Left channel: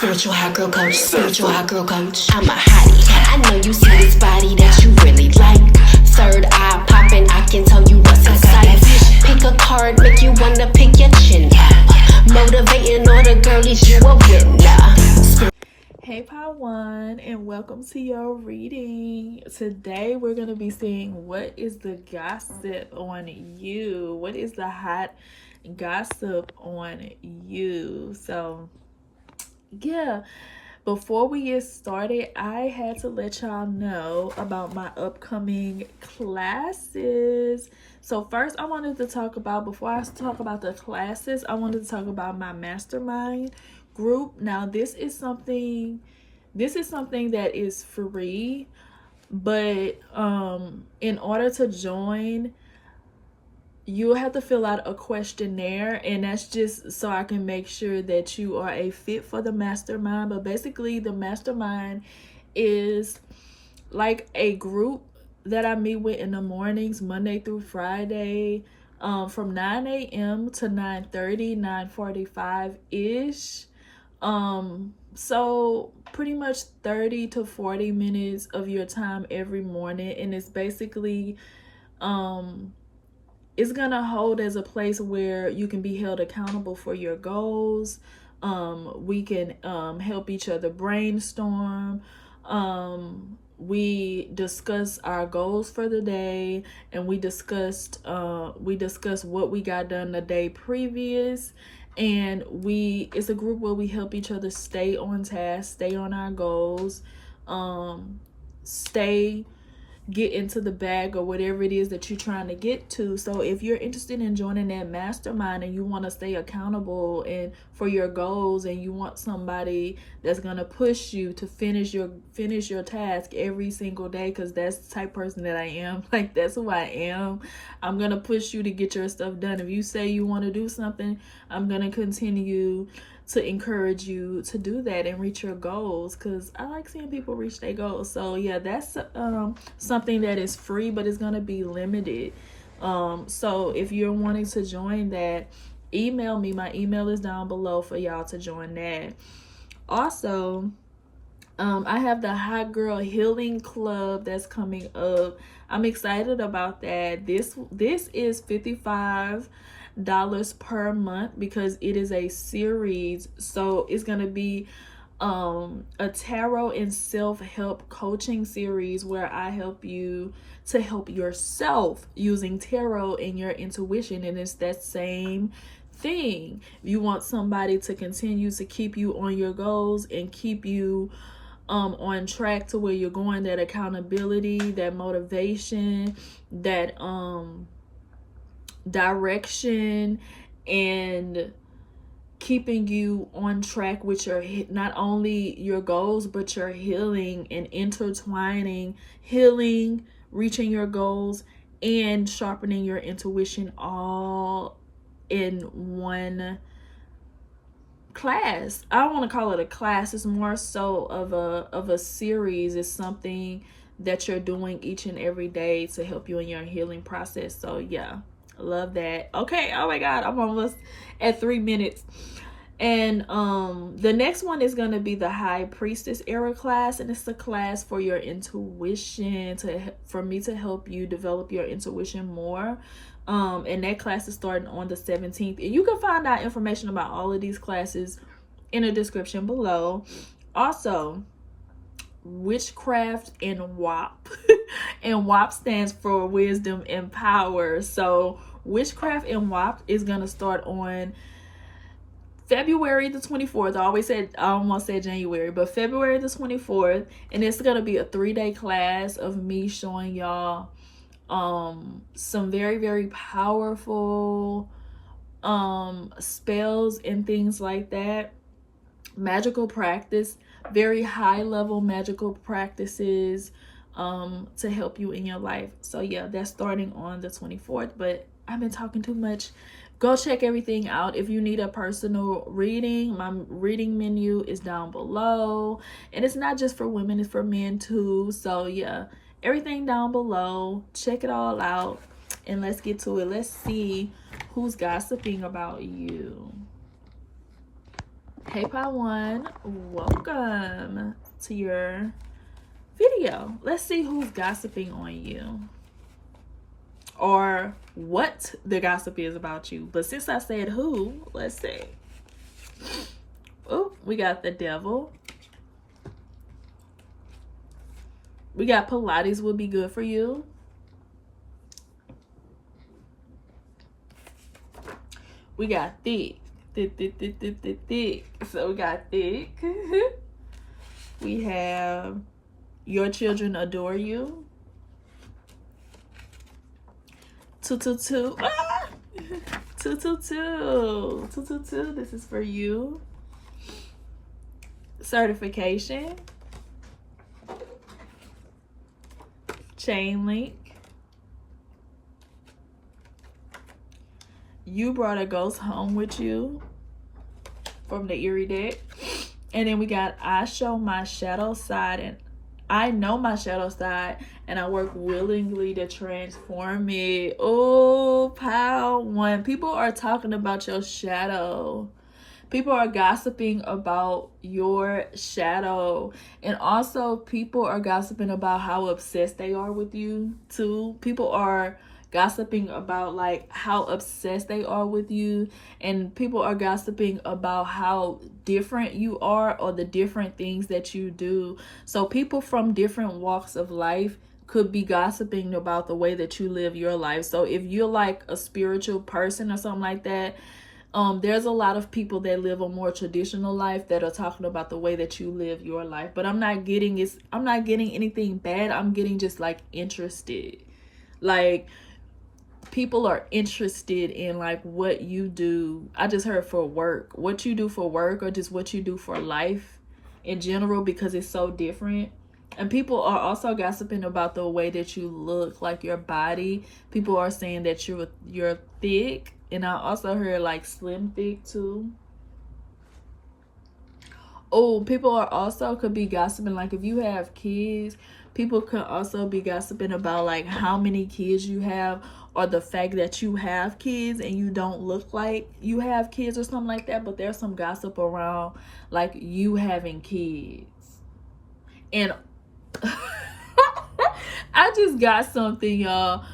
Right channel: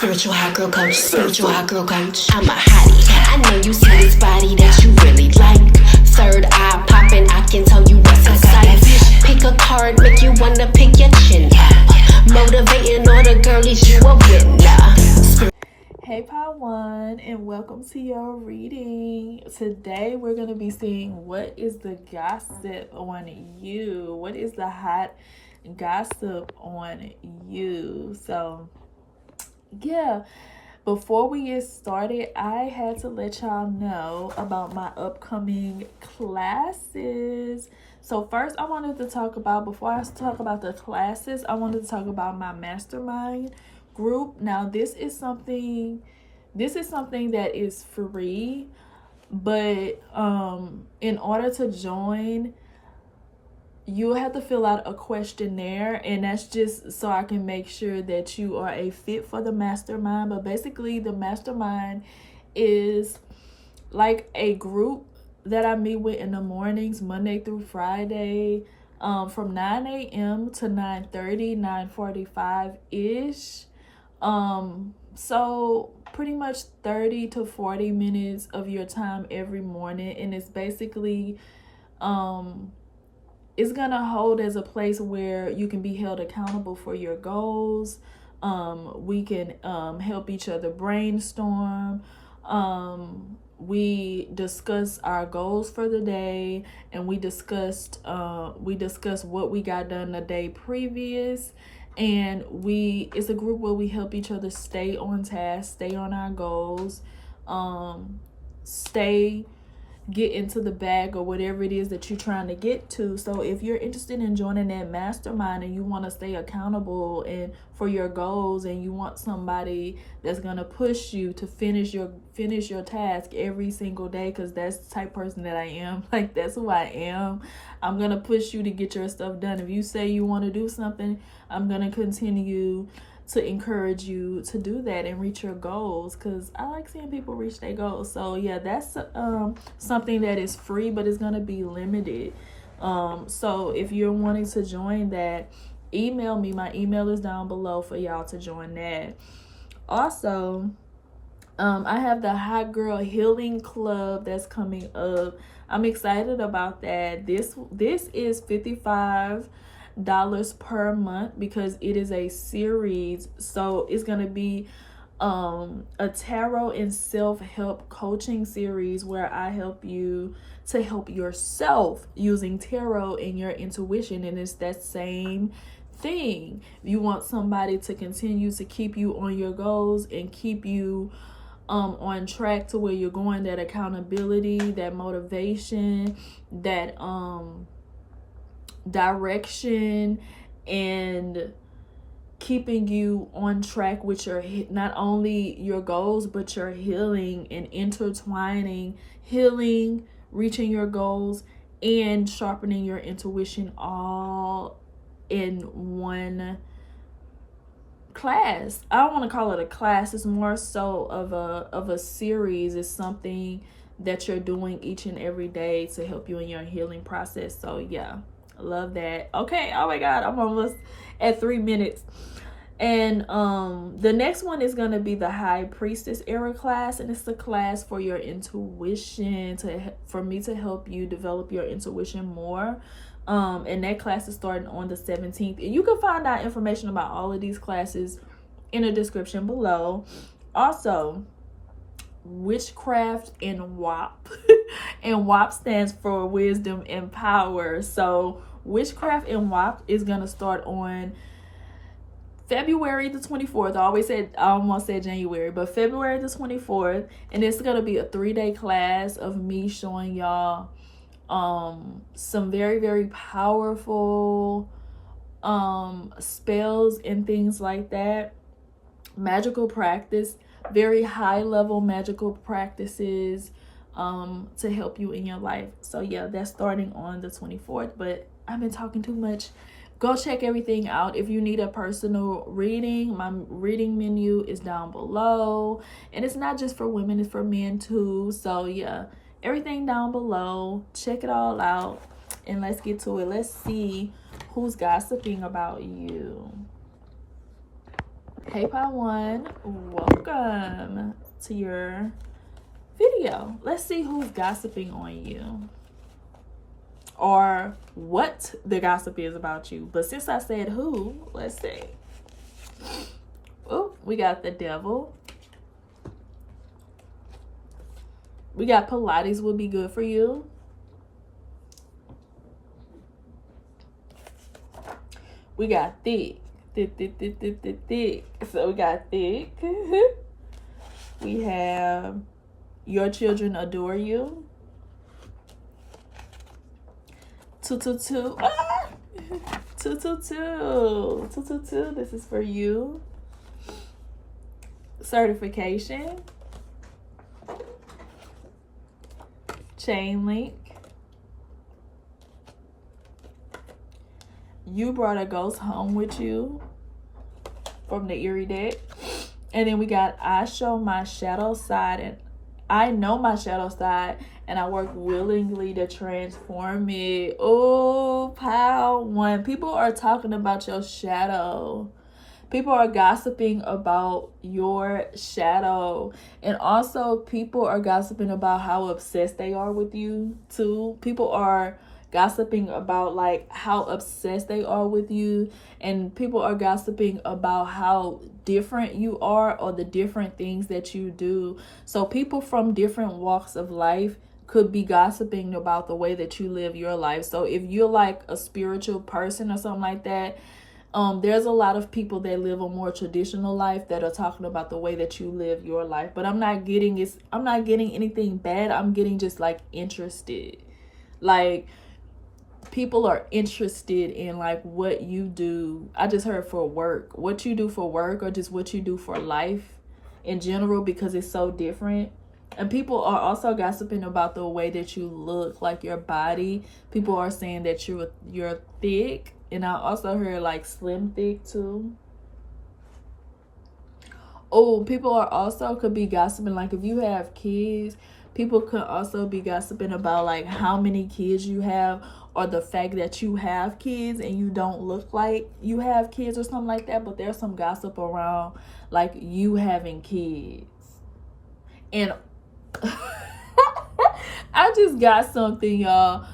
Spiritual hot girl coach, spiritual hot girl coach. I'm a hottie. I know you see this body that you really like. Third eye popping, I can tell you what's in sight. Pick a card, make you wanna pick your chin up. Motivating all the girlies, you a winner. Hey Part 1, and welcome to your reading. Today we're going to be seeing what is the gossip on you. What is the hot gossip on you? So, yeah. Before we get started, I had to let y'all know about my upcoming classes. So first I wanted to talk about, before I talk about the classes, I wanted to talk about my mastermind group. Now this is something that is free, but in order to join, you'll have to fill out a questionnaire, and that's just so I can make sure that you are a fit for the mastermind. But basically the mastermind is like a group that I meet with in the mornings, Monday through Friday, from 9 a.m. to 9:30, 9:45 ish. So pretty much 30 to 40 minutes of your time every morning, and it's basically it's gonna hold as a place where you can be held accountable for your goals. We can help each other brainstorm. We discuss our goals for the day, and we discuss what we got done the day previous. And it's a group where we help each other stay on task, stay on our goals, get into the bag or whatever it is that you're trying to get to. So if you're interested in joining that mastermind and you want to stay accountable and for your goals, and you want somebody that's going to push you to finish your task every single day, because that's the type of person that I am. Like, that's who I am. I'm going to push you to get your stuff done. If you say you want to do something, I'm going to continue to encourage you to do that and reach your goals, because I like seeing people reach their goals. So yeah, that's something that is free, but it's going to be limited. So if you're wanting to join that, email me. My email is down below for y'all to join that. Also, I have the Hot Girl Healing Club that's coming up. I'm excited about that. This is $55 per month because it is a series. So it's gonna be a tarot and self-help coaching series where I help you to help yourself using tarot and your intuition. And it's that same thing. You want somebody to continue to keep you on your goals and keep you on track to where you're going, that accountability, that motivation, that direction, and keeping you on track with your not only your goals but your healing, and intertwining healing, reaching your goals, and sharpening your intuition all in one class. I don't want to call it a class. It's more so of a series. It's something that you're doing each and every day to help you in your healing process. So yeah, love that. Okay, oh my god, I'm almost at 3 minutes. And the next one is going to be the High Priestess era class, and it's a class for your intuition, for me to help you develop your intuition more. And that class is starting on the 17th, and you can find out information about all of these classes in the description below. Also, Witchcraft and WAP and WAP stands for Wisdom and Power. So Witchcraft and WAP is going to start on February the 24th. I almost said January, but February the 24th. And it's going to be a 3-day class of me showing y'all some very, very powerful spells and things like that. Magical practice, very high level magical practices to help you in your life. So yeah, that's starting on the 24th, but I've been talking too much. Go check everything out. If you need a personal reading, my reading menu is down below, and it's not just for women, it's for men too. So yeah, everything down below. Check it all out, and let's get to it. Let's see who's gossiping about you. Hey, Part 1, welcome to your video. Let's see who's gossiping on you or what the gossip is about you. But since I said who, let's see. Oh, we got the devil. We got Pilates will be good for you. We got thick. Thick. So we got thick. We have your children adore you. 222. Ah! 222. 222. This is for you. Certification. Chain link. You brought a ghost home with you from the Eerie deck. And then we got I show my shadow side and I know my shadow side and I work willingly to transform it. Oh, Pile 1. People are talking about your shadow. People are gossiping about your shadow. And also people are gossiping about how obsessed they are with you too. People are gossiping about like how obsessed they are with you, and people are gossiping about how different you are or the different things that you do. So people from different walks of life could be gossiping about the way that you live your life. So if you're like a spiritual person or something like that, there's a lot of people that live a more traditional life that are talking about the way that you live your life. But I'm not getting anything bad. I'm getting just like interested. Like people are interested in like what you do. I just heard for work, what you do for work or just what you do for life in general, because it's so different. And people are also gossiping about the way that you look, like your body. People are saying that you're thick. And I also heard like slim thick too. Oh, people are also could be gossiping like if you have kids, people could also be gossiping about like how many kids you have, or the fact that you have kids and you don't look like you have kids or something like that. But there's some gossip around like you having kids. And I just got something, y'all.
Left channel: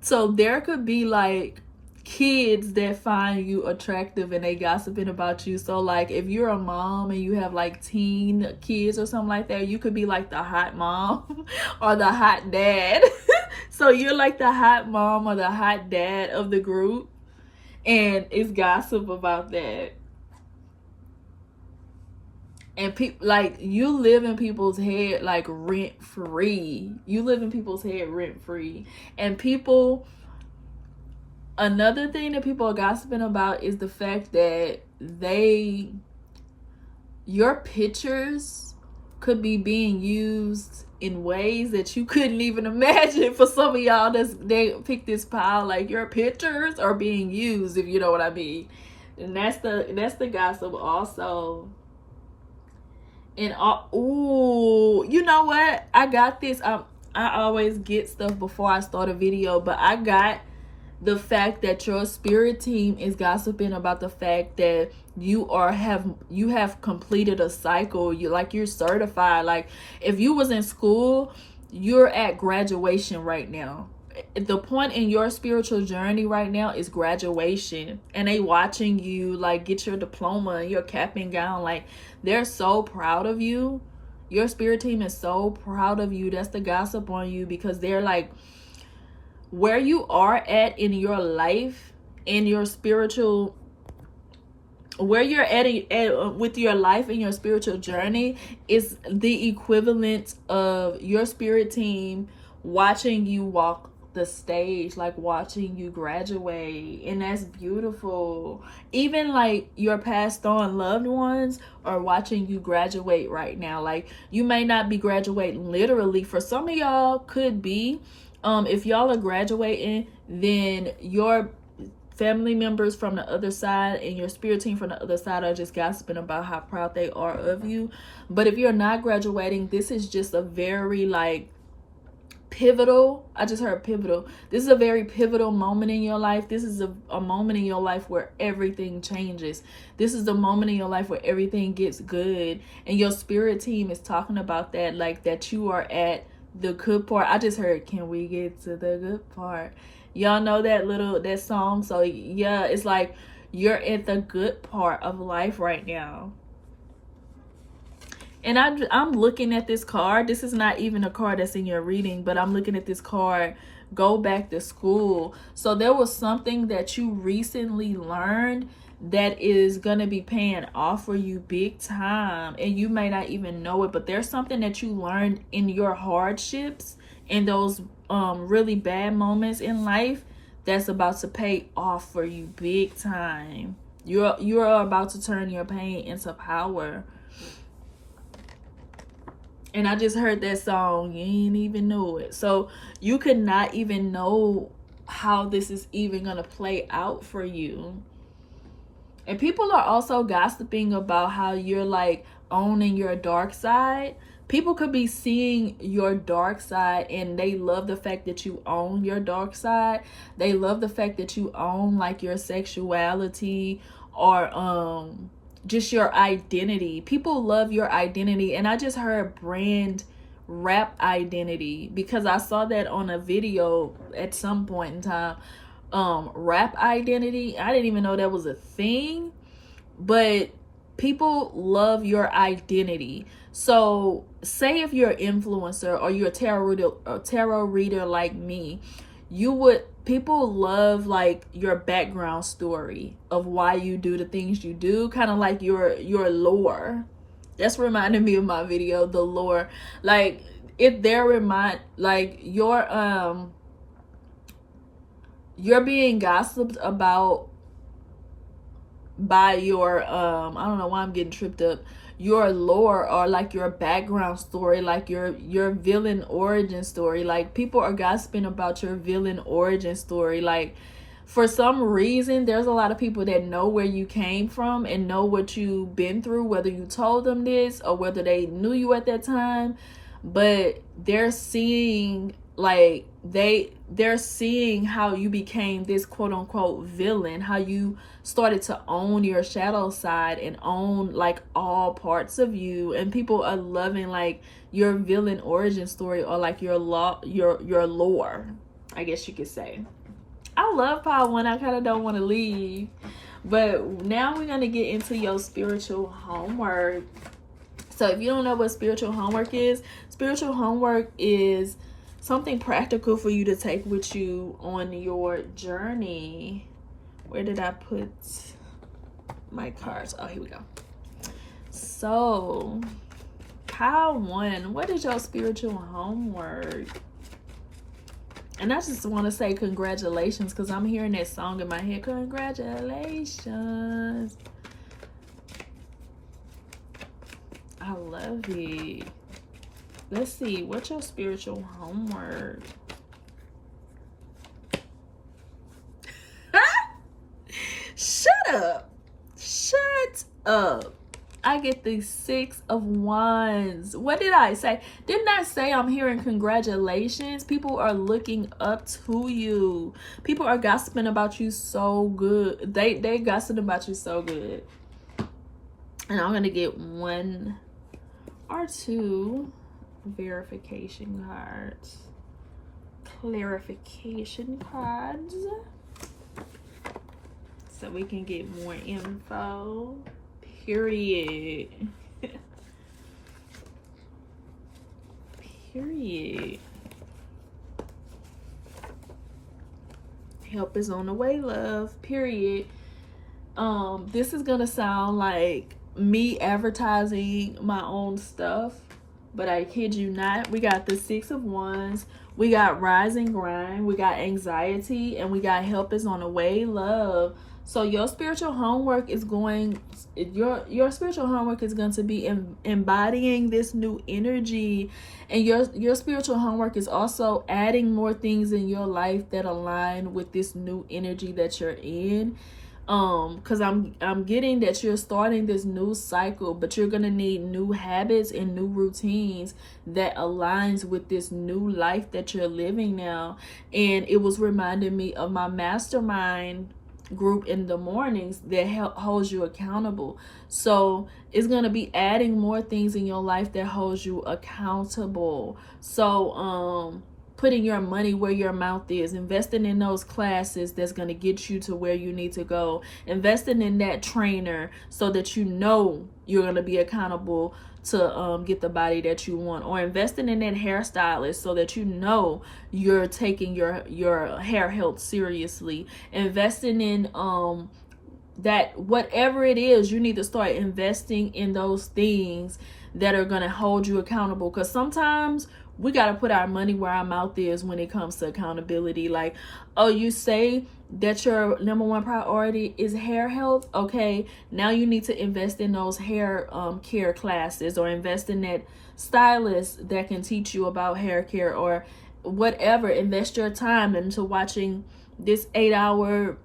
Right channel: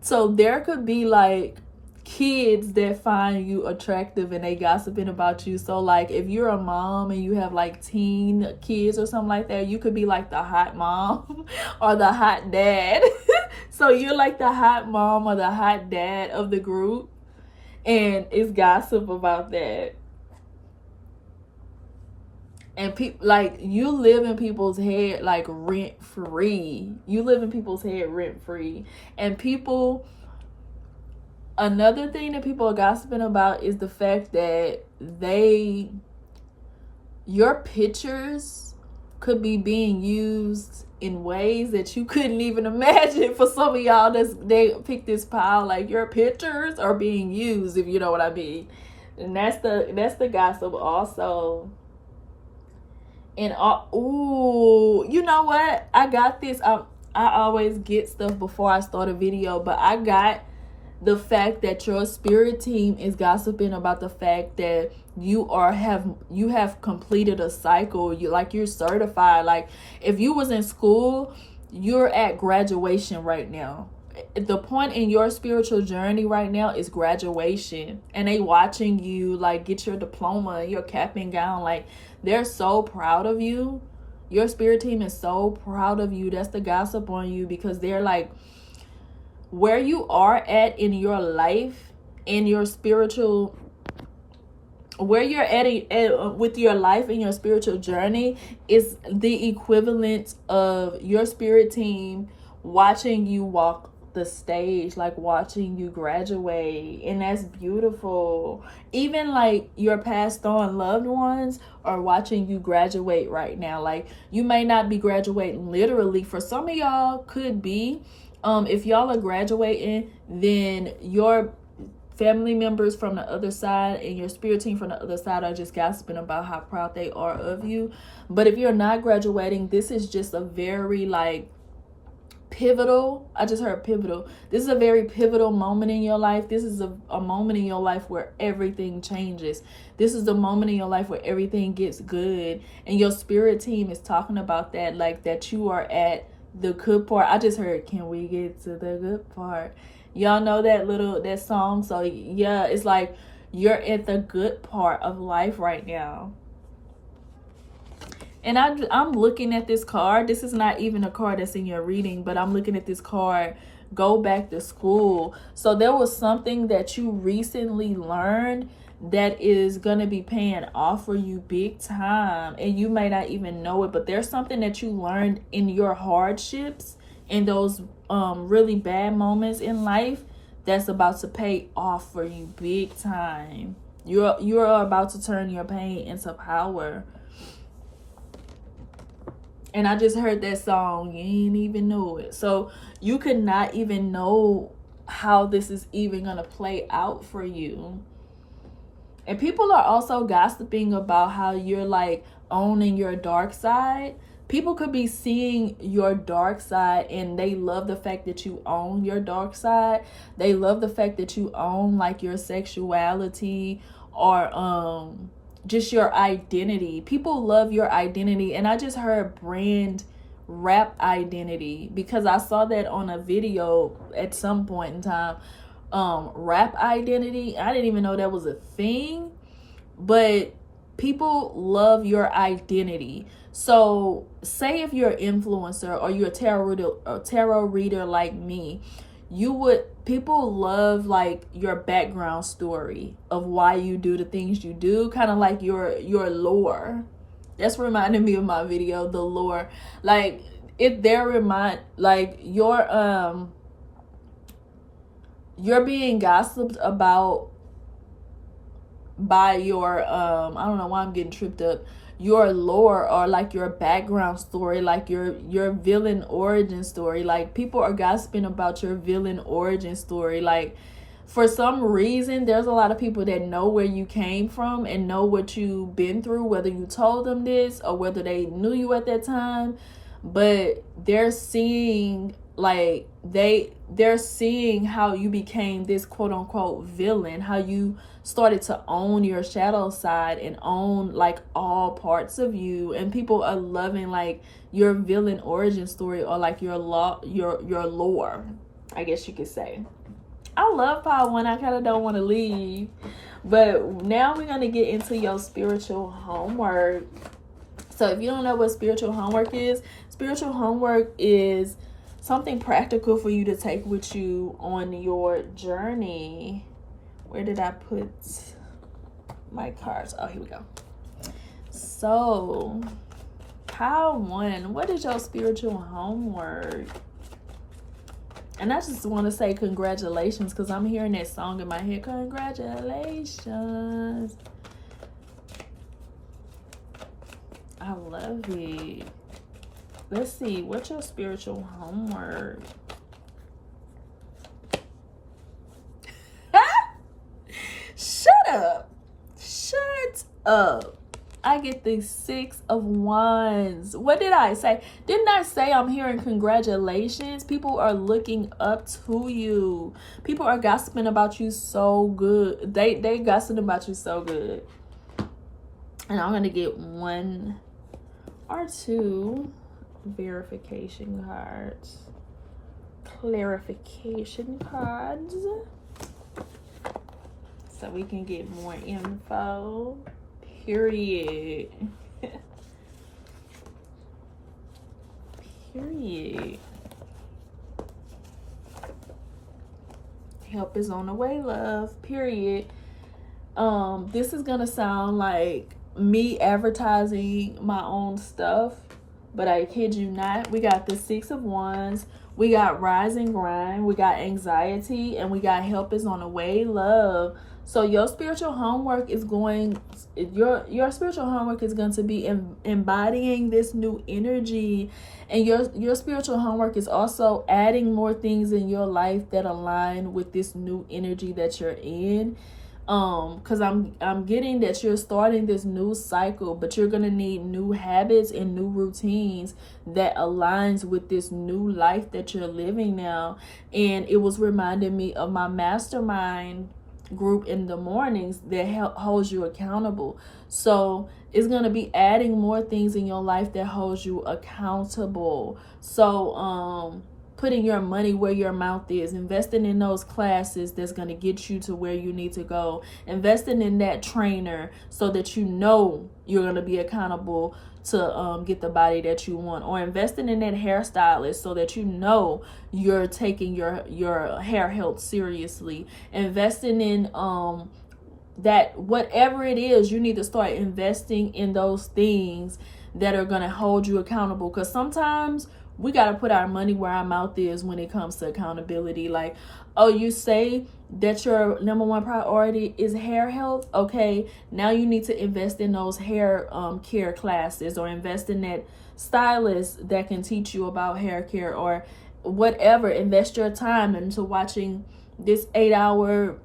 So there could be like kids that find you attractive and they gossiping about you. So like if you're a mom and you have like teen kids or something like that, you could be like the hot mom or the hot dad. So you're like the hot mom or the hot dad of the group, and it's gossip about that. And people like you live in people's head like rent free. You live in people's head rent free. And people, another thing that people are gossiping about is the fact that your pictures could be being used in ways that you couldn't even imagine. For some of y'all, they pick this pile, like your pictures are being used, if you know what I mean. And that's the gossip also. And ooh, you know what? I got this. I always get stuff before I start a video, but I got the fact that your spirit team is gossiping about the fact that you have completed a cycle. You're certified. Like if you was in school, you're at graduation right now. The point in your spiritual journey right now is graduation, and they watching you like get your diploma and your cap and gown. Like they're so proud of you. Your spirit team is so proud of you. That's the gossip on you, because they're like, where you are at in your life, in your spiritual, where you're at with your life and your spiritual journey is the equivalent of your spirit team watching you walk the stage, like watching you graduate. And that's beautiful. Even like your passed on loved ones are watching you graduate right now. Like you may not be graduating literally. For some of y'all could be. If y'all are graduating, then your family members from the other side and your spirit team from the other side are just gossiping about how proud they are of you. But if you're not graduating, this is just a very like pivotal. I just heard pivotal. This is a very pivotal moment in your life. This is a moment in your life where everything changes. This is the moment in your life where everything gets good. And your spirit team is talking about that, like that you are at the good part. I just heard, can we get to the good part? Y'all know that song? So yeah, it's like you're at the good part of life right now. And I'm looking at this card. This is not even a card that's in your reading, but I'm looking at this card, go back to school. So there was something that you recently learned that is going to be paying off for you big time. And you may not even know it, but there's something that you learned in your hardships, in those really bad moments in life, that's about to pay off for you big time. You're about to turn your pain into power. And I just heard that song, you ain't even know it. So you could not even know how this is even going to play out for you. And people are also gossiping about how you're like owning your dark side. People could be seeing your dark side and they love the fact that you own your dark side. They love the fact that you own like your sexuality or just your identity. People love your identity. And I just heard brand rap identity, because I saw that on a video at some point in time. Rap identity, I didn't even know that was a thing, but people love your identity. So say if you're an influencer or you're a tarot reader like me, people love like your background story of why you do the things you do, kind of like your lore. That's reminding me of my video, the lore. Like if they're like you're being gossiped about by your I don't know why I'm getting tripped up, your lore, or like your background story, like your villain origin story. Like people are gossiping about your villain origin story. Like for some reason there's a lot of people that know where you came from and know what you've been through, whether you told them this or whether they knew you at that time, but they're seeing like they're seeing how you became this quote unquote villain, how you started to own your shadow side and own like all parts of you. And people are loving like your villain origin story, or like your lore, I guess you could say. I love part one. I kind of don't want to leave, but now we're going to get into your spiritual homework. So if you don't know what spiritual homework is something practical for you to take with you on your journey. Where did I put my cards? Oh, here we go. So, pile one, what is your spiritual homework? And I just want to say congratulations, because I'm hearing that song in my head. Congratulations. I love it. Let's see, what's your spiritual homework? Shut up. I get the 6 of Wands. What did I say? Didn't I say I'm hearing congratulations? People are looking up to you. People are gossiping about you so good. They gossiping about you so good. And I'm going to get 1 or 2 verification cards. Clarification cards. So we can get more info. Period. Period. Help is on the way, love. Period. This is gonna sound like me advertising my own stuff, but I kid you not. We got the 6 of Wands. We got rise and grind. We got anxiety, and we got help is on the way, love. So your spiritual homework is going to be embodying this new energy, and your spiritual homework is also adding more things in your life that align with this new energy that you're in. Because I'm getting that you're starting this new cycle, but you're gonna need new habits and new routines that aligns with this new life that you're living now. And it was reminding me of my mastermind group in the mornings that holds you accountable. So it's going to be adding more things in your life that holds you accountable. So putting your money where your mouth is, investing in those classes that's going to get you to where you need to go, investing in that trainer so that you know you're going to be accountable to get the body that you want, or investing in that hairstylist so that you know you're taking your hair health seriously, investing in that whatever it is, you need to start investing in those things that are going to hold you accountable. Because sometimes we got to put our money where our mouth is when it comes to accountability. Like, oh, you say that your number one priority is hair health. Okay, now you need to invest in those hair care classes, or invest in that stylist that can teach you about hair care, or whatever. Invest your time into watching this 8-hour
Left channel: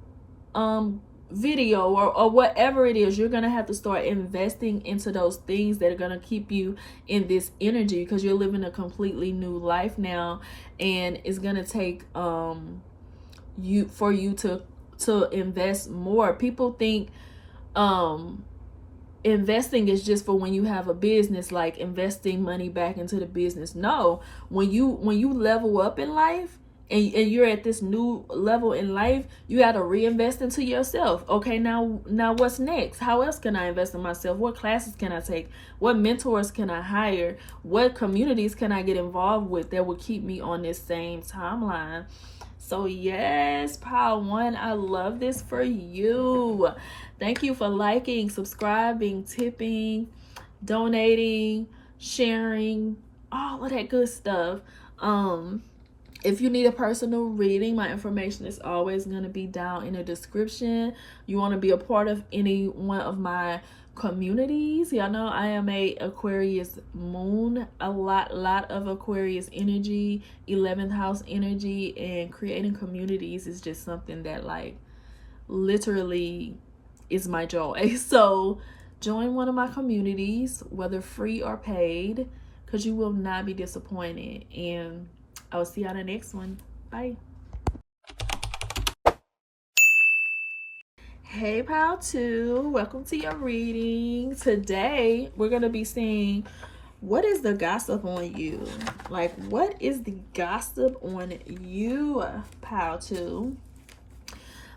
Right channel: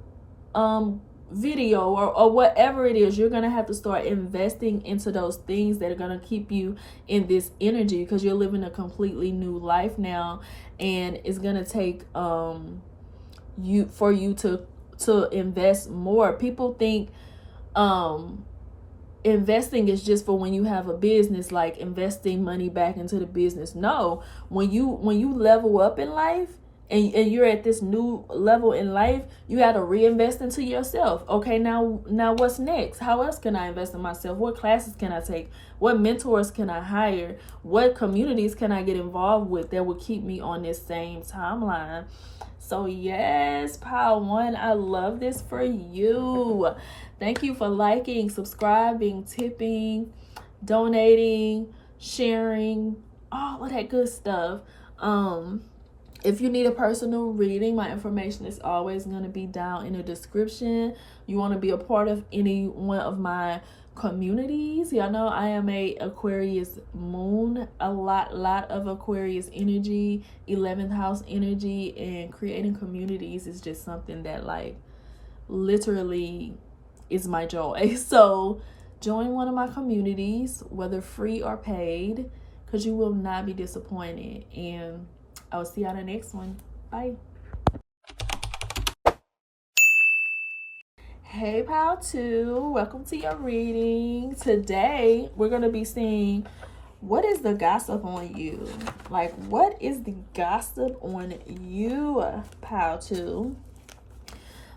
video, or whatever it is. You're gonna have to start investing into those things that are gonna keep you in this energy, because you're living a completely new life now, and it's gonna take you to invest more. People think investing is just for when you have a business, like investing money back into the business. No, when you level up in life, and you're at this new level in life, you got to reinvest into yourself. Okay, now what's next? How else can I invest in myself? What classes can I take? What mentors can I hire? What communities can I get involved with that will keep me on this same timeline? So yes, Pile 1, I love this for you. Thank you for liking, subscribing, tipping, donating, sharing, all of that good stuff. If you need a personal reading, my information is always going to be down in the description. You want to be a part of any one of my communities, y'all know I am a Aquarius moon, a lot of Aquarius energy, 11th house energy, and creating communities is just something that like literally is my joy. So join one of my communities, whether free or paid, because you will not be disappointed. And I will see you on the next one. Bye. Hey, Pile 2. Welcome to your reading. Today, we're going to be seeing what is the gossip on you. Like, what is the gossip on you, Pile 2?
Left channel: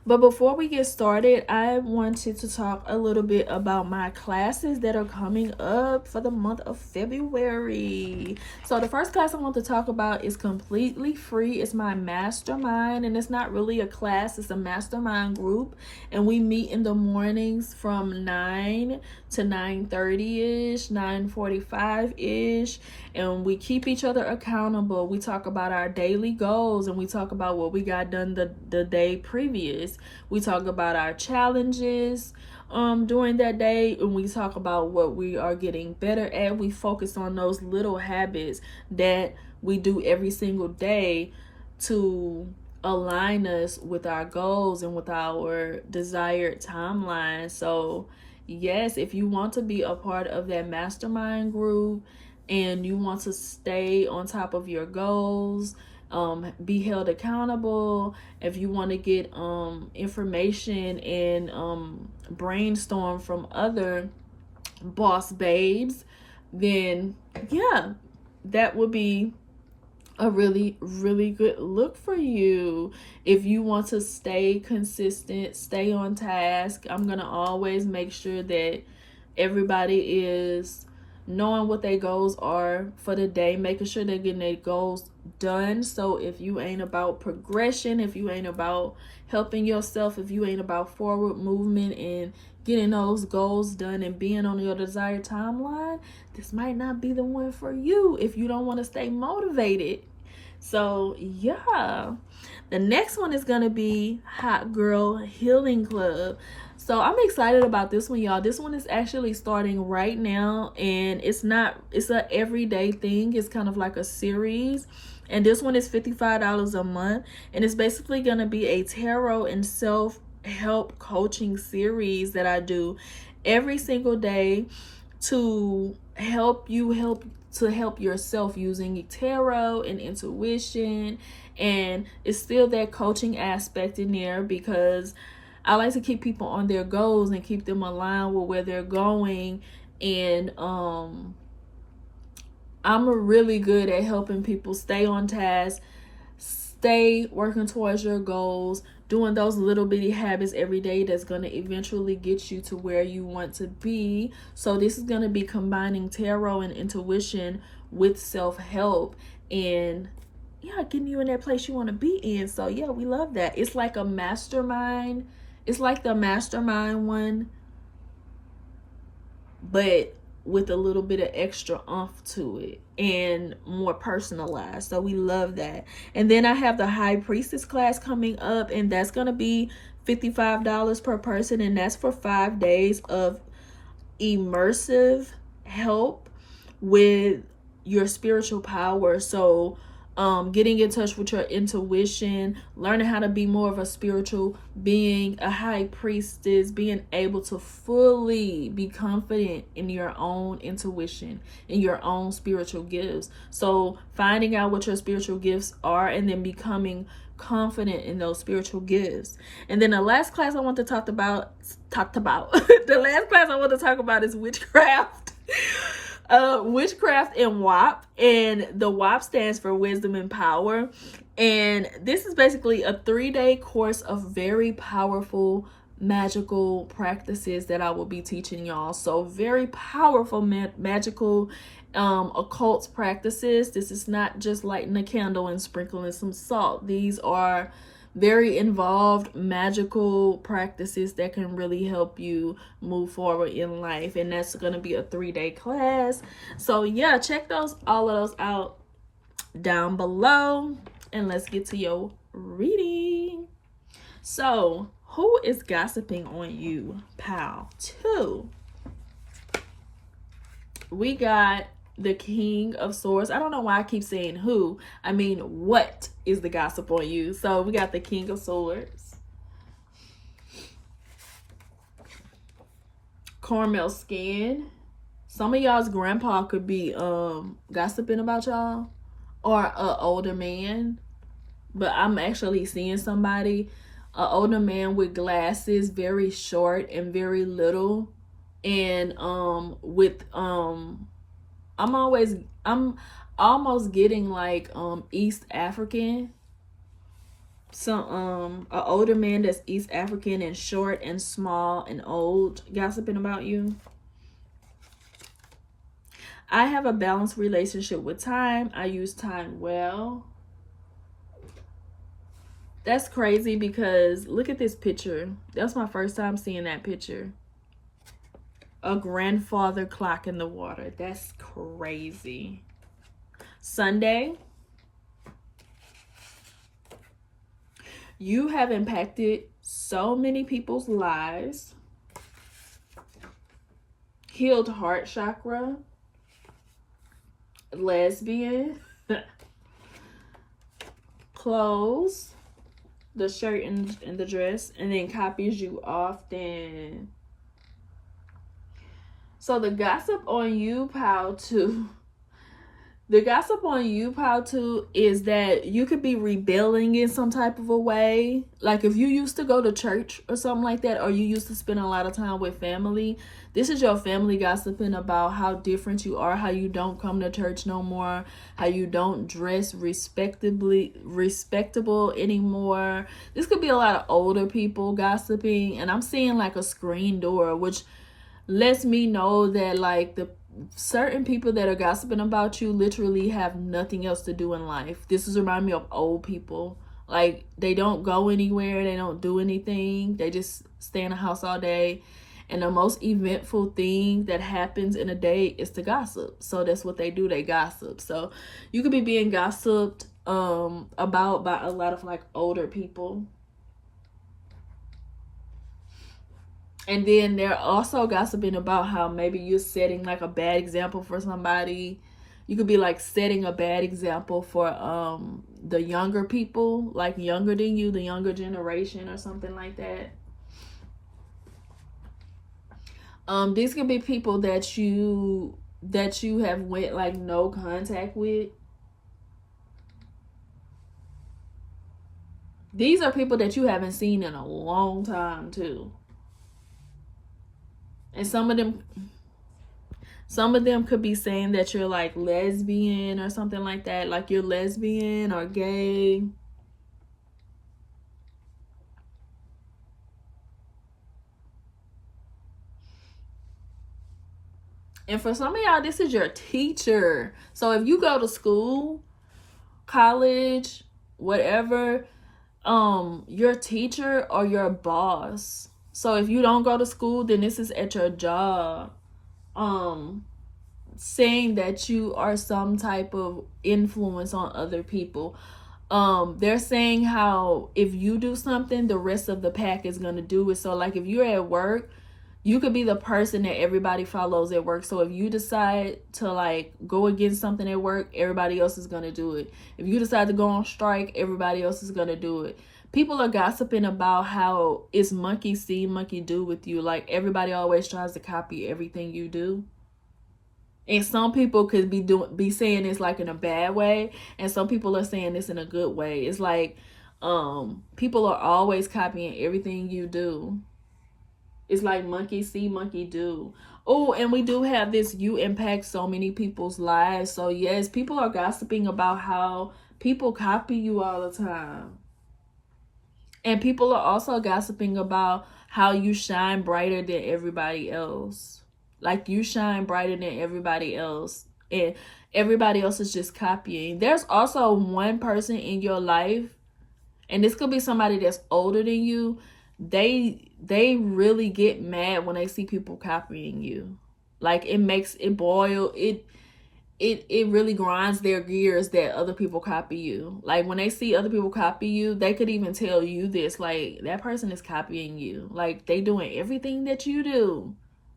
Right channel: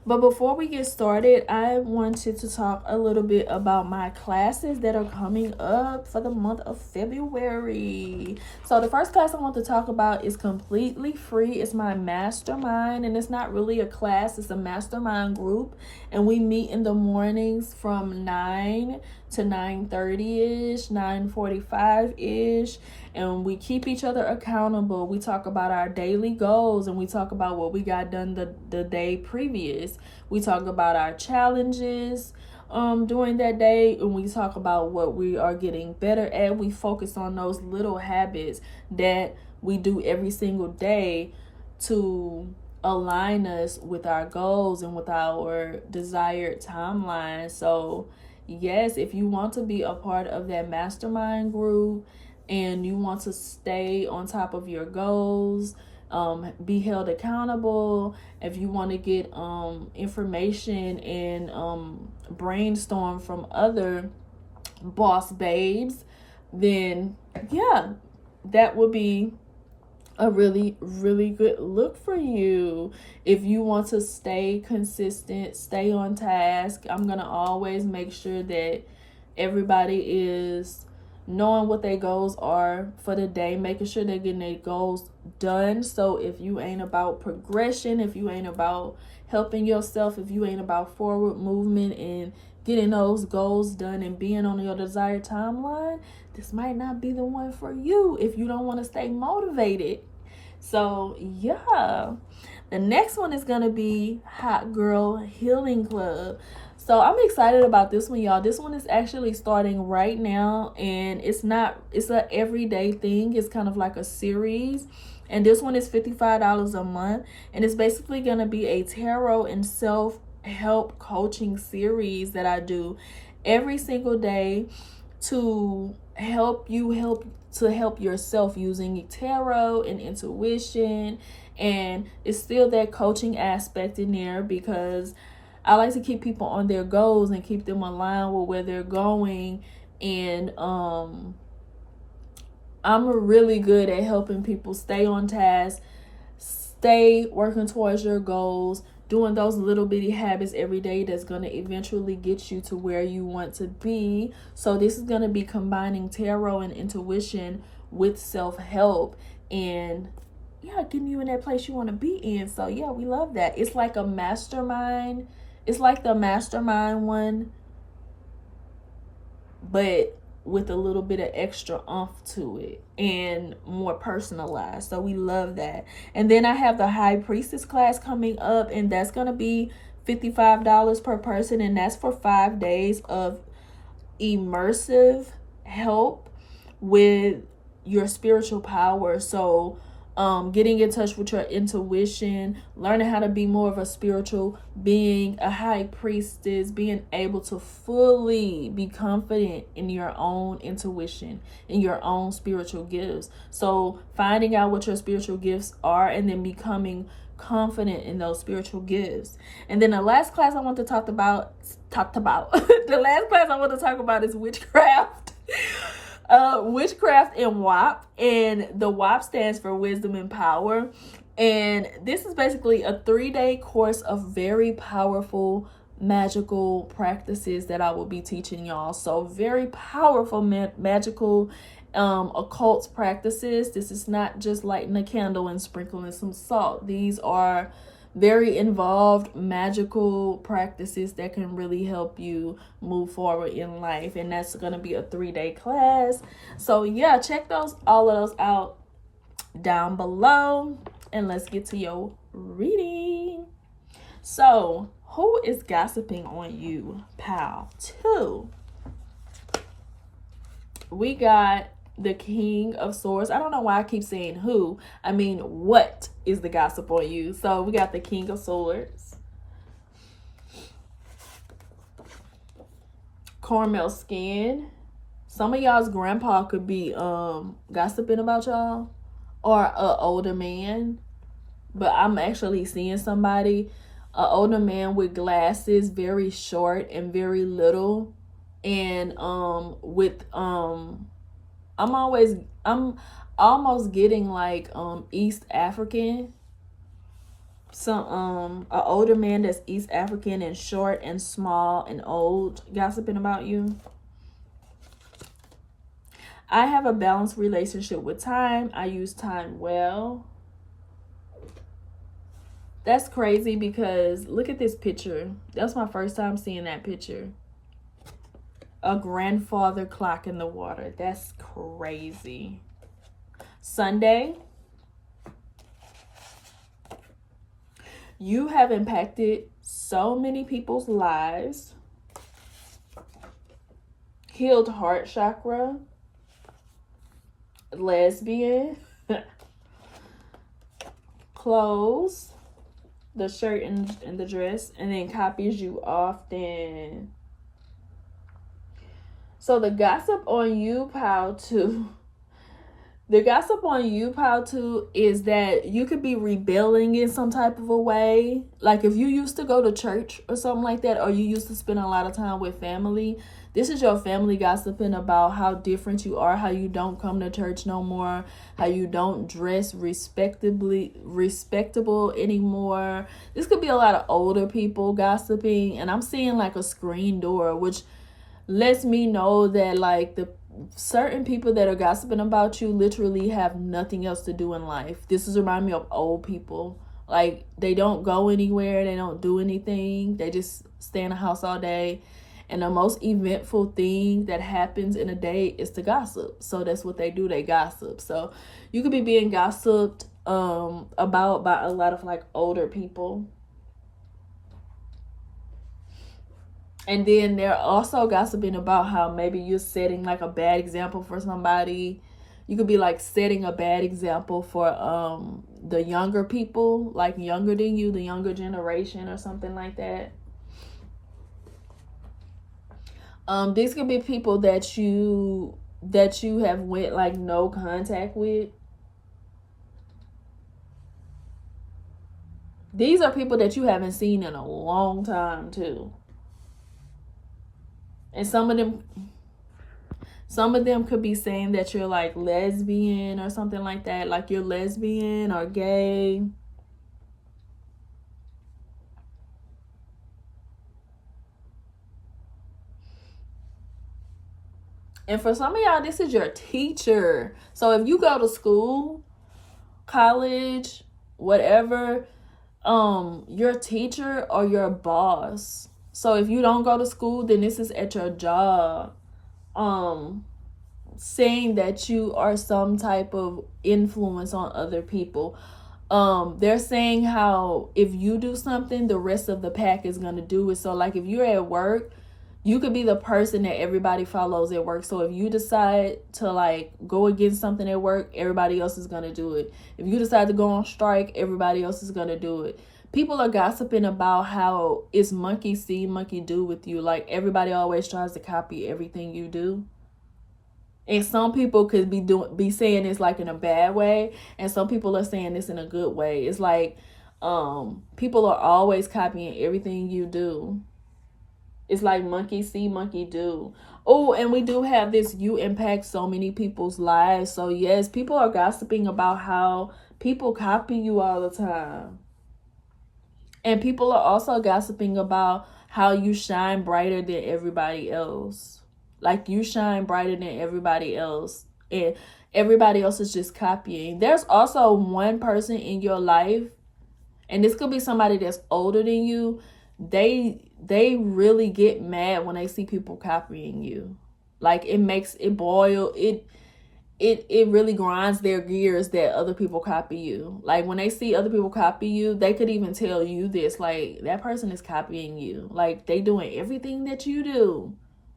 But before we get started, I wanted to talk a little bit about my classes that are coming up for the month of February. So the first class I want to talk about is completely free. It's my mastermind, and it's not really a class. It's a mastermind group, and we meet in the mornings from 9 to 9:30-ish, 9:45-ish. And we keep each other accountable. We talk about our daily goals, and we talk about what we got done the day previous. We talk about our challenges during that day, and we talk about what we are getting better at. We focus on those little habits that we do every single day to align us with our goals and with our desired timeline. So yes, if you want to be a part of that mastermind group, and you want to stay on top of your goals, be held accountable, if you want to get information and brainstorm from other boss babes, then yeah, that would be a really good look for you. If you want to stay consistent, stay on task, I'm gonna always make sure that everybody is knowing what their goals are for the day, making sure they're getting their goals done. So if you ain't about progression, if you ain't about helping yourself, if you ain't about forward movement and getting those goals done and being on your desired timeline, this might not be the one for you if you don't want to stay motivated. So yeah, the next one is gonna be Hot Girl Healing Club. So I'm excited about this one, y'all. This one is actually starting right now, and it's a everyday thing. It's kind of like a series, and this one is $55 a month, and it's basically going to be a tarot and self help coaching series that I do every single day to help yourself using tarot and intuition. And it's still that coaching aspect in there, because I like to keep people on their goals and keep them aligned with where they're going. And I'm really good at helping people stay on task, stay working towards your goals, doing those little bitty habits every day that's going to eventually get you to where you want to be. So this is going to be combining tarot and intuition with self-help, and yeah, getting you in that place you want to be in. So yeah, we love that. It's like a mastermind. It's like the mastermind one, but with a little bit of extra oomph to it and more personalized. So we love that. And then I have the High Priestess class coming up, and that's going to be $55 per person, and that's for 5 days of immersive help with your spiritual power. So getting in touch with your intuition, learning how to be more of a spiritual being, a high priestess, being able to fully be confident in your own intuition, in your own spiritual gifts. So finding out what your spiritual gifts are and then becoming confident in those spiritual gifts. And then the last class I want to talk about the last class I want to talk about is witchcraft. Witchcraft and WAP, and the WAP stands for Wisdom and Power. And this is basically a 3-day course of very powerful magical practices that I will be teaching y'all. So very powerful magical occult practices. This is not just lighting a candle and sprinkling some salt. These are very involved magical practices that can really help you move forward in life, and that's going to be a 3-day class. So yeah, check all of those out down below, and let's get to your reading. So who is gossiping on you, pal? 2. We got the King of Swords. I don't know why I keep saying who. I mean, what is the gossip on you? So we got the King of Swords. Caramel skin. Some of y'all's grandpa could be gossiping about y'all, or an older man. But I'm actually seeing somebody, an older man with glasses, very short and very little, and with I'm almost getting like East African. Some an older man that's East African and short and small and old gossiping about you. I have a balanced relationship with time. I use time well. That's crazy, because look at this picture. That's my first time seeing that picture. A grandfather clock in the water. That's crazy. Sunday. You have impacted so many people's lives. Healed heart chakra. Lesbian. Clothes. The shirt and the dress. And then copies you often. So the gossip on you, pal, 2. The gossip on you, pal, 2, is that you could be rebelling in some type of a way. Like if you used to go to church or something like that, or you used to spend a lot of time with family, this is your family gossiping about how different you are, how you don't come to church no more, how you don't dress respectable anymore. This could be a lot of older people gossiping, and I'm seeing like a screen door, which lets me know that like the certain people that are gossiping about you literally have nothing else to do in life. This is remind me of old people. Like they don't go anywhere, they don't do anything, they just stay in the house all day, and the most eventful thing that happens in a day is to gossip. So that's what they do, they gossip. So you could be being gossiped about by a lot of like older people. And then they're also gossiping about how maybe you're setting like a bad example for somebody. You could be like setting a bad example for the younger people, like younger than you, the younger generation or something like that. These could be people that you have went like no contact with. These are people that you haven't seen in a long time too. And some of them could be saying that you're like lesbian or something like that, like you're lesbian or gay. And for some of y'all, this is your teacher. So if you go to school, college, whatever, your teacher or your boss. So if you don't go to school, then this is at your job. Saying that you are some type of influence on other people. They're saying how if you do something, the rest of the pack is gonna do it. So like if you're at work, you could be the person that everybody follows at work. So if you decide to like go against something at work, everybody else is gonna do it. If you decide to go on strike, everybody else is gonna do it. People are gossiping about how it's monkey see, monkey do with you. Like everybody always tries to copy everything you do. And some people could be saying this like in a bad way, and some people are saying this in a good way. It's like people are always copying everything you do. It's like monkey see, monkey do. Oh, and we do have this, you impact so many people's lives. So yes, people are gossiping about how people copy you all the time. And people are also gossiping about how you shine brighter than everybody else. Like you shine brighter than everybody else. And everybody else is just copying. There's also one person in your life, and this could be somebody that's older than you. They really get mad when they see people copying you. Like it makes it boil. It really grinds their gears that other people copy you. Like when they see other people copy you, they could even tell you this, like that person is copying you. Like they doing everything that you do.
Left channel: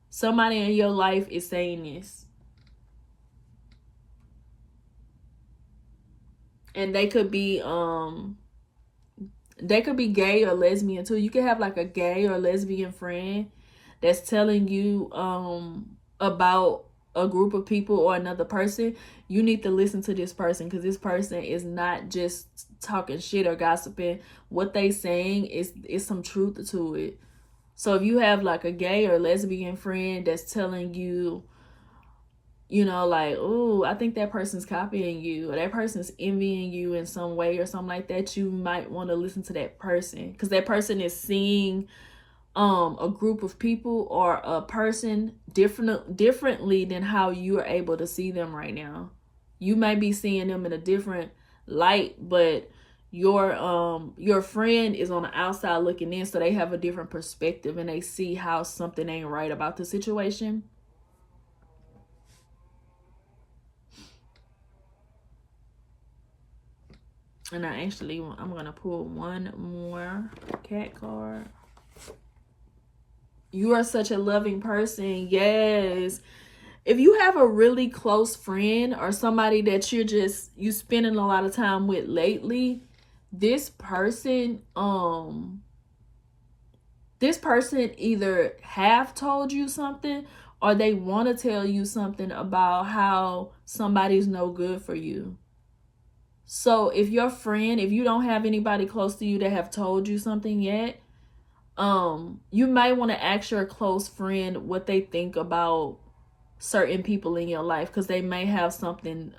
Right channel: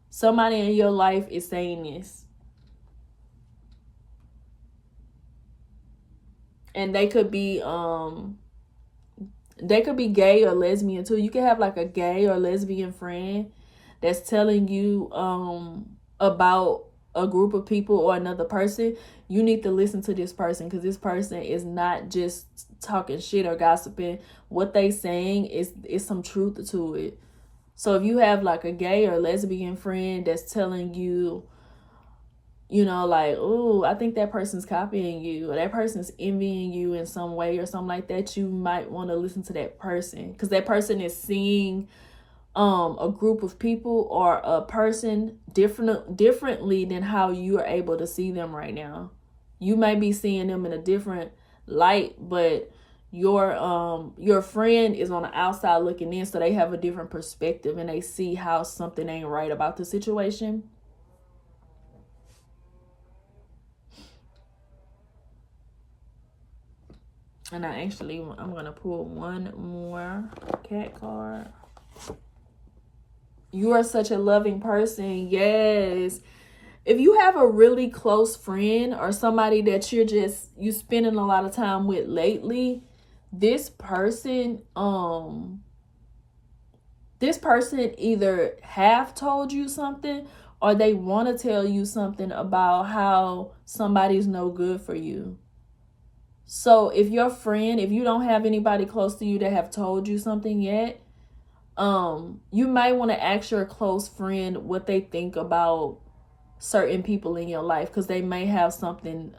Somebody in your life is saying this. And they could be gay or lesbian too. You could have like a gay or lesbian friend that's telling you about a group of people or another person. You need to listen to this person, because this person is not just talking shit or gossiping. What they saying is some truth to it. So if you have like a gay or lesbian friend that's telling you, you know, like, oh, I think that person's copying you, or that person's envying you in some way or something like that, you might want to listen to that person, because that person is seeing a group of people or a person differently than how you are able to see them right now. You may be seeing them in a different light, but your friend is on the outside looking in, so they have a different perspective and they see how something ain't right about the situation. And I'm gonna pull one more cat card. You are such a loving person. Yes. If you have a really close friend or somebody that you spending a lot of time with lately, this person either have told you something, or they want to tell you something about how somebody's no good for you. So if you don't have anybody close to you that have told you something yet, you might want to ask your close friend what they think about certain people in your life, because they may have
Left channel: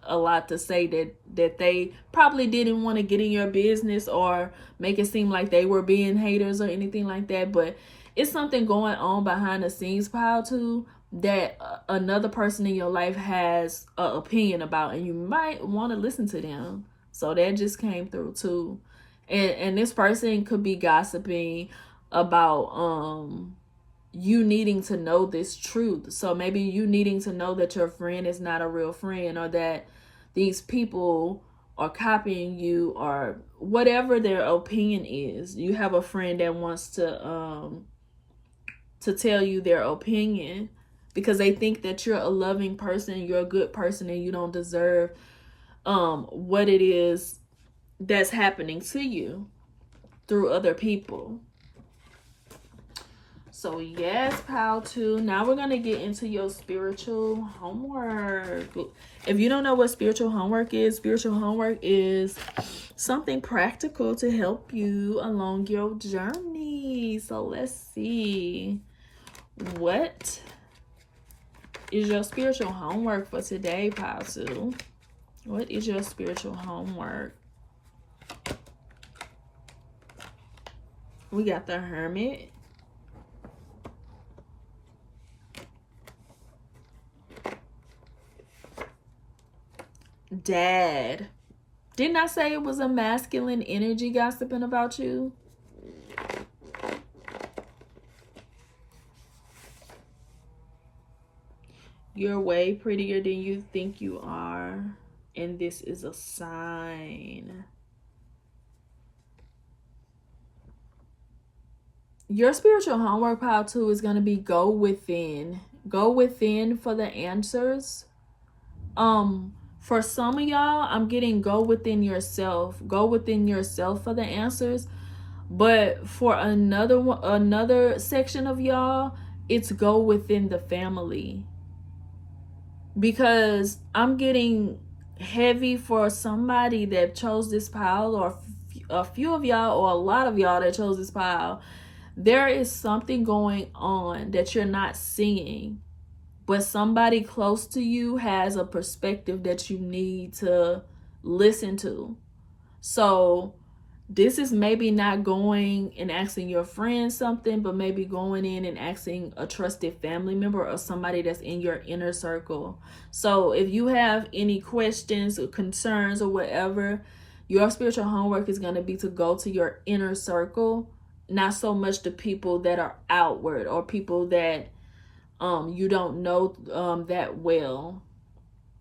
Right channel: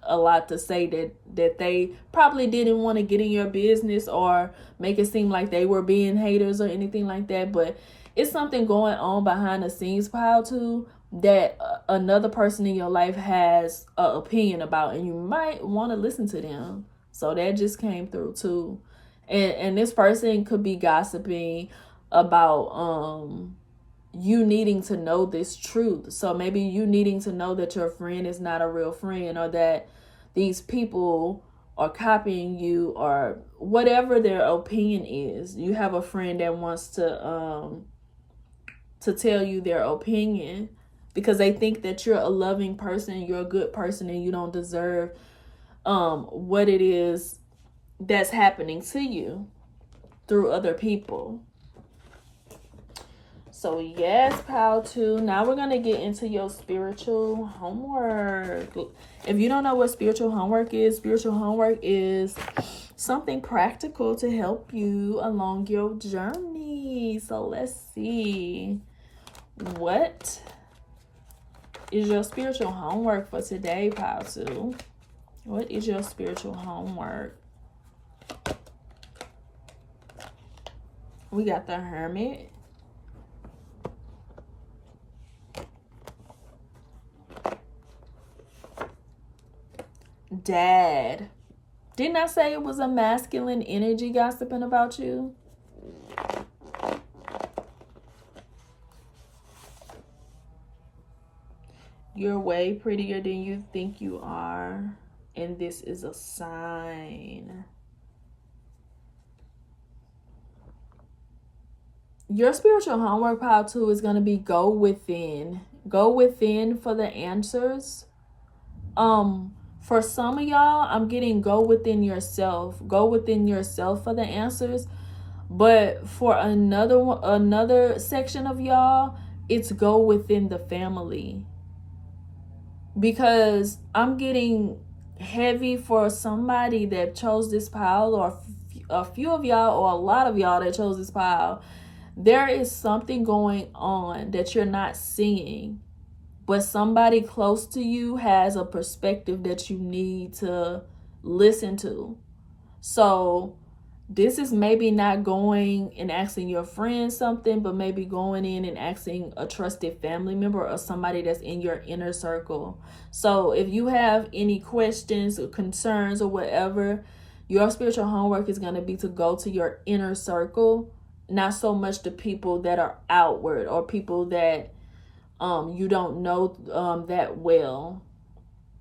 a lot to say that they probably didn't want to get in your business or make it seem like they were being haters or anything like that. But it's something going on behind the scenes, pile too, that another person in your life has an opinion about, and you might want to listen to them. So that just came through too. And this person could be gossiping about you needing to know this truth. So maybe you needing to know that your friend is not a real friend, or that these people are copying you, or whatever their opinion is. You have a friend that wants to tell you their opinion because they think that you're a loving person, you're a good person, and you don't deserve what it is that's happening to you through other people. So yes, pile 2. Now we're going to get into your spiritual homework. If you don't know what spiritual homework is something practical to help you along your journey. So let's see. What is your spiritual homework for today, pile 2? What is your spiritual homework? We got the Hermit. Dad. Didn't I say it was a masculine energy gossiping about you? You're way prettier than you think you are. And this is a sign. Your spiritual homework, pile 2, is going to be go within. Go within for the answers. For some of y'all, I'm getting go within yourself. Go within yourself for the answers. But for another section of y'all, it's go within the family. Because I'm getting heavy for somebody that chose this pile, or a few of y'all, or a lot of y'all that chose this pile. There is something going on that you're not seeing. But somebody close to you has a perspective that you need to listen to. So this is maybe not going and asking your friend something, but maybe going in and asking a trusted family member or somebody that's in your inner circle. So if you have any questions or concerns or whatever, your spiritual homework is going to be to go to your inner circle, not so much the people that are outward or people that you don't know that well.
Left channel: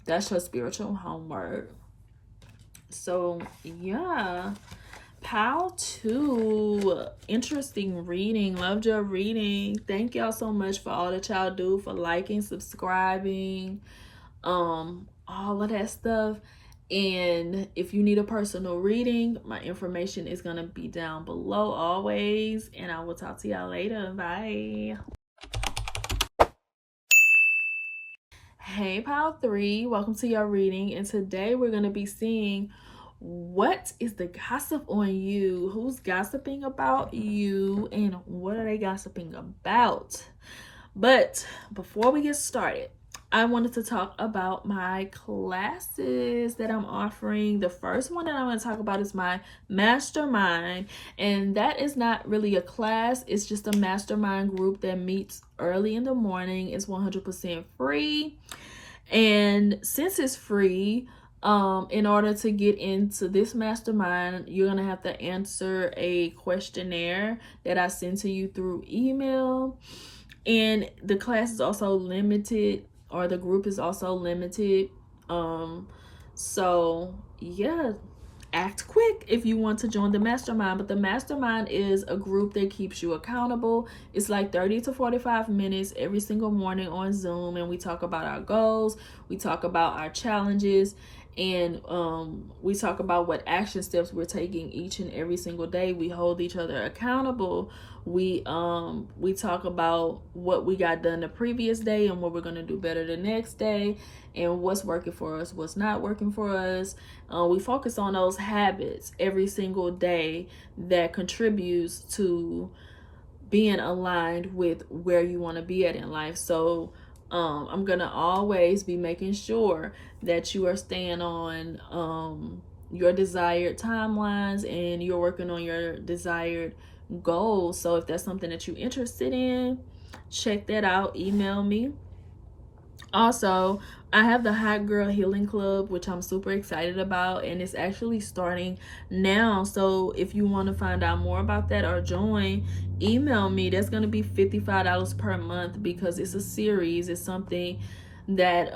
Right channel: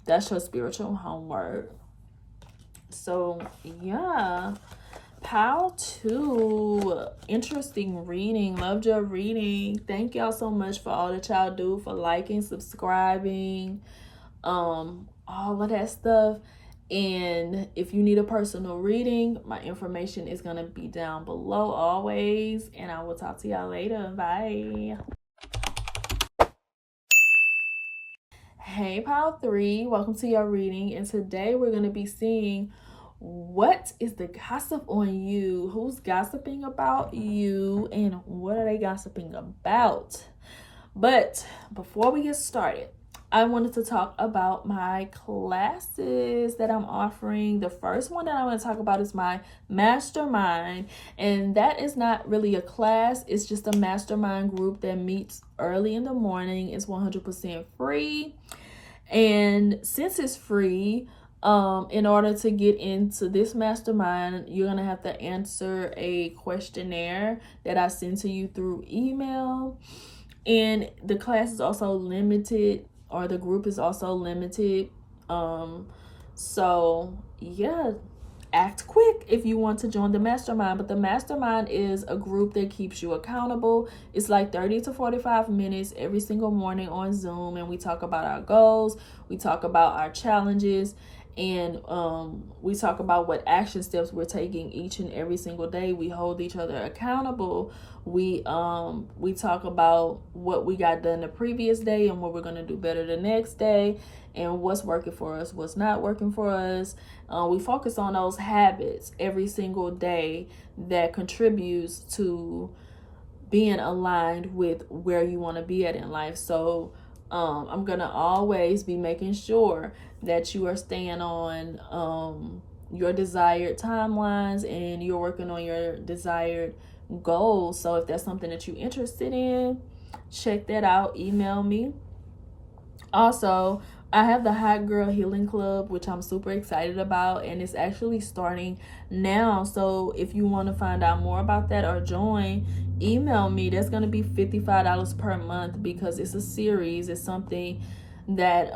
That's your spiritual homework. So yeah, pile 2, interesting reading. Loved your reading. Thank y'all so much for all that y'all do, for liking, subscribing, all of that stuff. And if you need a personal reading, my information is gonna be down below always, and I will talk to y'all later. Bye. Hey pile 3, welcome to your reading, and today we're going to be seeing what is the gossip on you, who's gossiping about you, and what are they gossiping about. But before we get started, I wanted to talk about my classes that I'm offering. The first one that I want to talk about is my mastermind, and that is not really a class. It's just a mastermind group that meets early in the morning. It's 100% free, and since it's free, in order to get into this mastermind, you're gonna have to answer a questionnaire that I send to you through email. And the class is also limited, or the group is also limited. So yeah, act quick if you want to join the mastermind. But the mastermind is a group that keeps you accountable. It's like 30 to 45 minutes every single morning on Zoom, and we talk about our goals, we talk about our challenges, and we talk about what action steps we're taking each and every single day. We hold each other accountable. We talk about what we got done the previous day and what we're going to do better the next day, and what's working for us, what's not working for us. We focus on those habits every single day that contributes to being aligned with where you want to be at in life. So I'm going to always be making sure that you are staying on your desired timelines, and you're working on your desired goals. So if that's something that you're interested in, check that out. Email me. Also, I have the Hot Girl Healing Club, which I'm super excited about, and it's actually starting now. So if you want to find out more about that or join, email me. That's going to be $55 per month, because it's a series. It's something that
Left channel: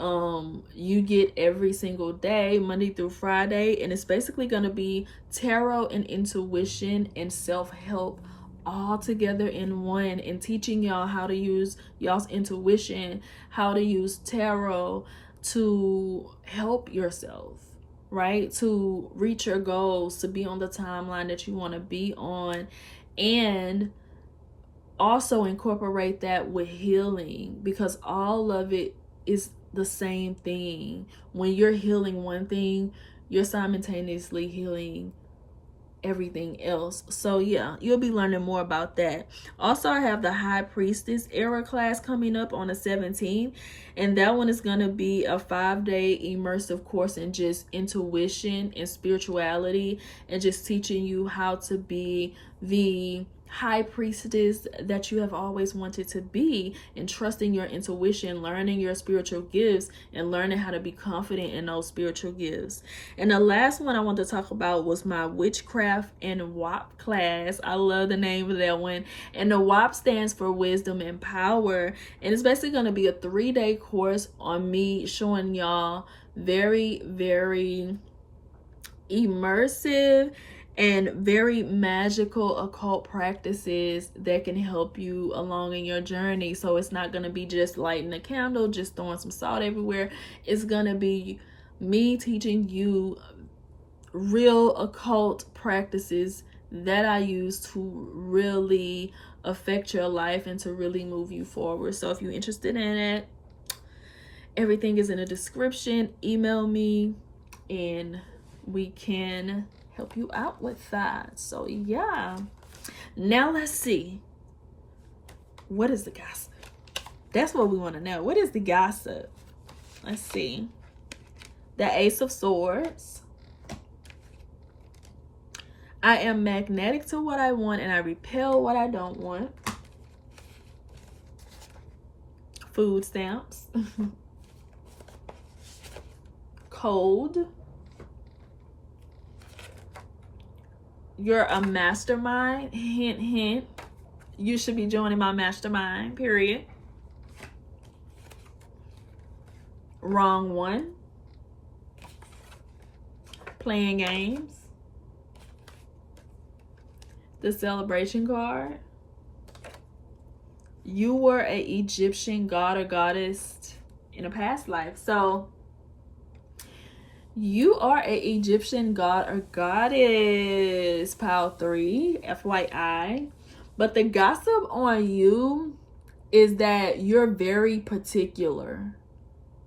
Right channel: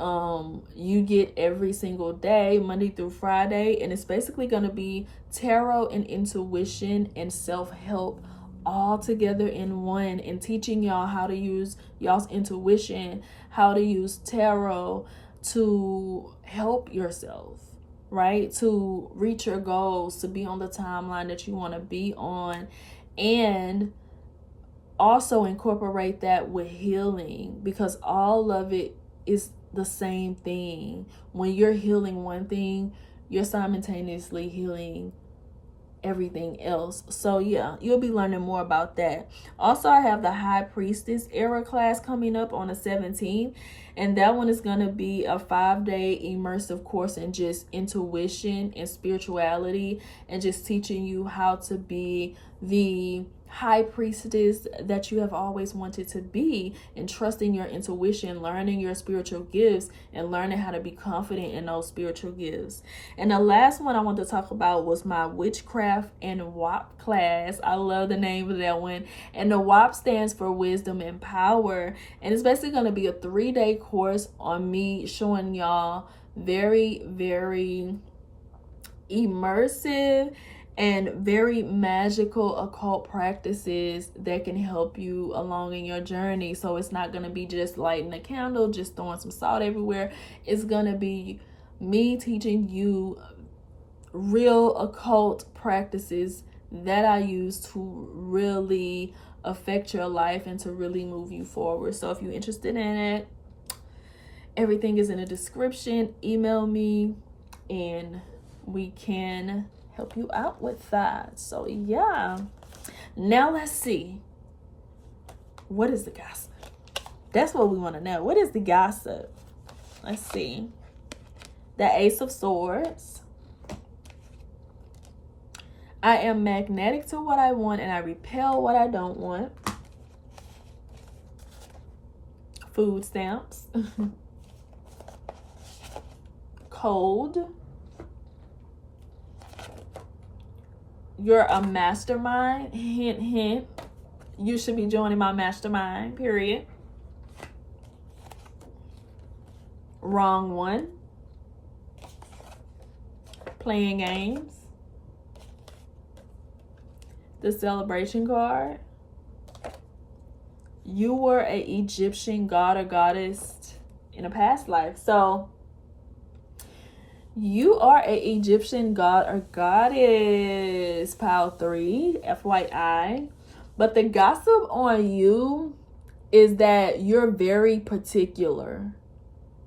you get every single day, Monday through Friday, and it's basically going to be tarot and intuition and self-help all together in one, and teaching y'all how to use y'all's intuition, how to use tarot to help yourself, right? To reach your goals, to be on the timeline that you want to be on, and also incorporate that with healing, because all of it is the same thing. When you're healing one thing, you're simultaneously healing everything else. So yeah, you'll be learning more about that. Also, I have the High Priestess era class coming up on the 17th, and that one is going to be a 5-day immersive course in just intuition and spirituality, and just teaching you how to be the high priestess that you have always wanted to be, and trusting your intuition, learning your spiritual gifts, and learning how to be confident in those spiritual gifts. And the last one I want to talk about was my witchcraft and WAP class. I love the name of that one. And the WAP stands for wisdom and power, and it's basically going to be a 3-day course on me showing y'all very, very immersive and very magical occult practices that can help you along in your journey. So it's not going to be just lighting a candle, just throwing some salt everywhere. It's going to be me teaching you real occult practices that I use to really affect your life and to really move you forward. So if you're interested in it, everything is in the description. Email me and we can help you out with that. So yeah, now let's see, what is the gossip? That's what we want to know. What is the gossip? Let's see. The Ace of Swords. I am magnetic to what I want and I repel what I don't want. Food stamps. Cold. You're a mastermind. Hint, hint. You should be joining my mastermind, period. Wrong one. Playing games. The Celebration card. You were an Egyptian god or goddess in a past life. So you are an Egyptian god or goddess, pile 3, FYI. But the gossip on you is that you're very particular.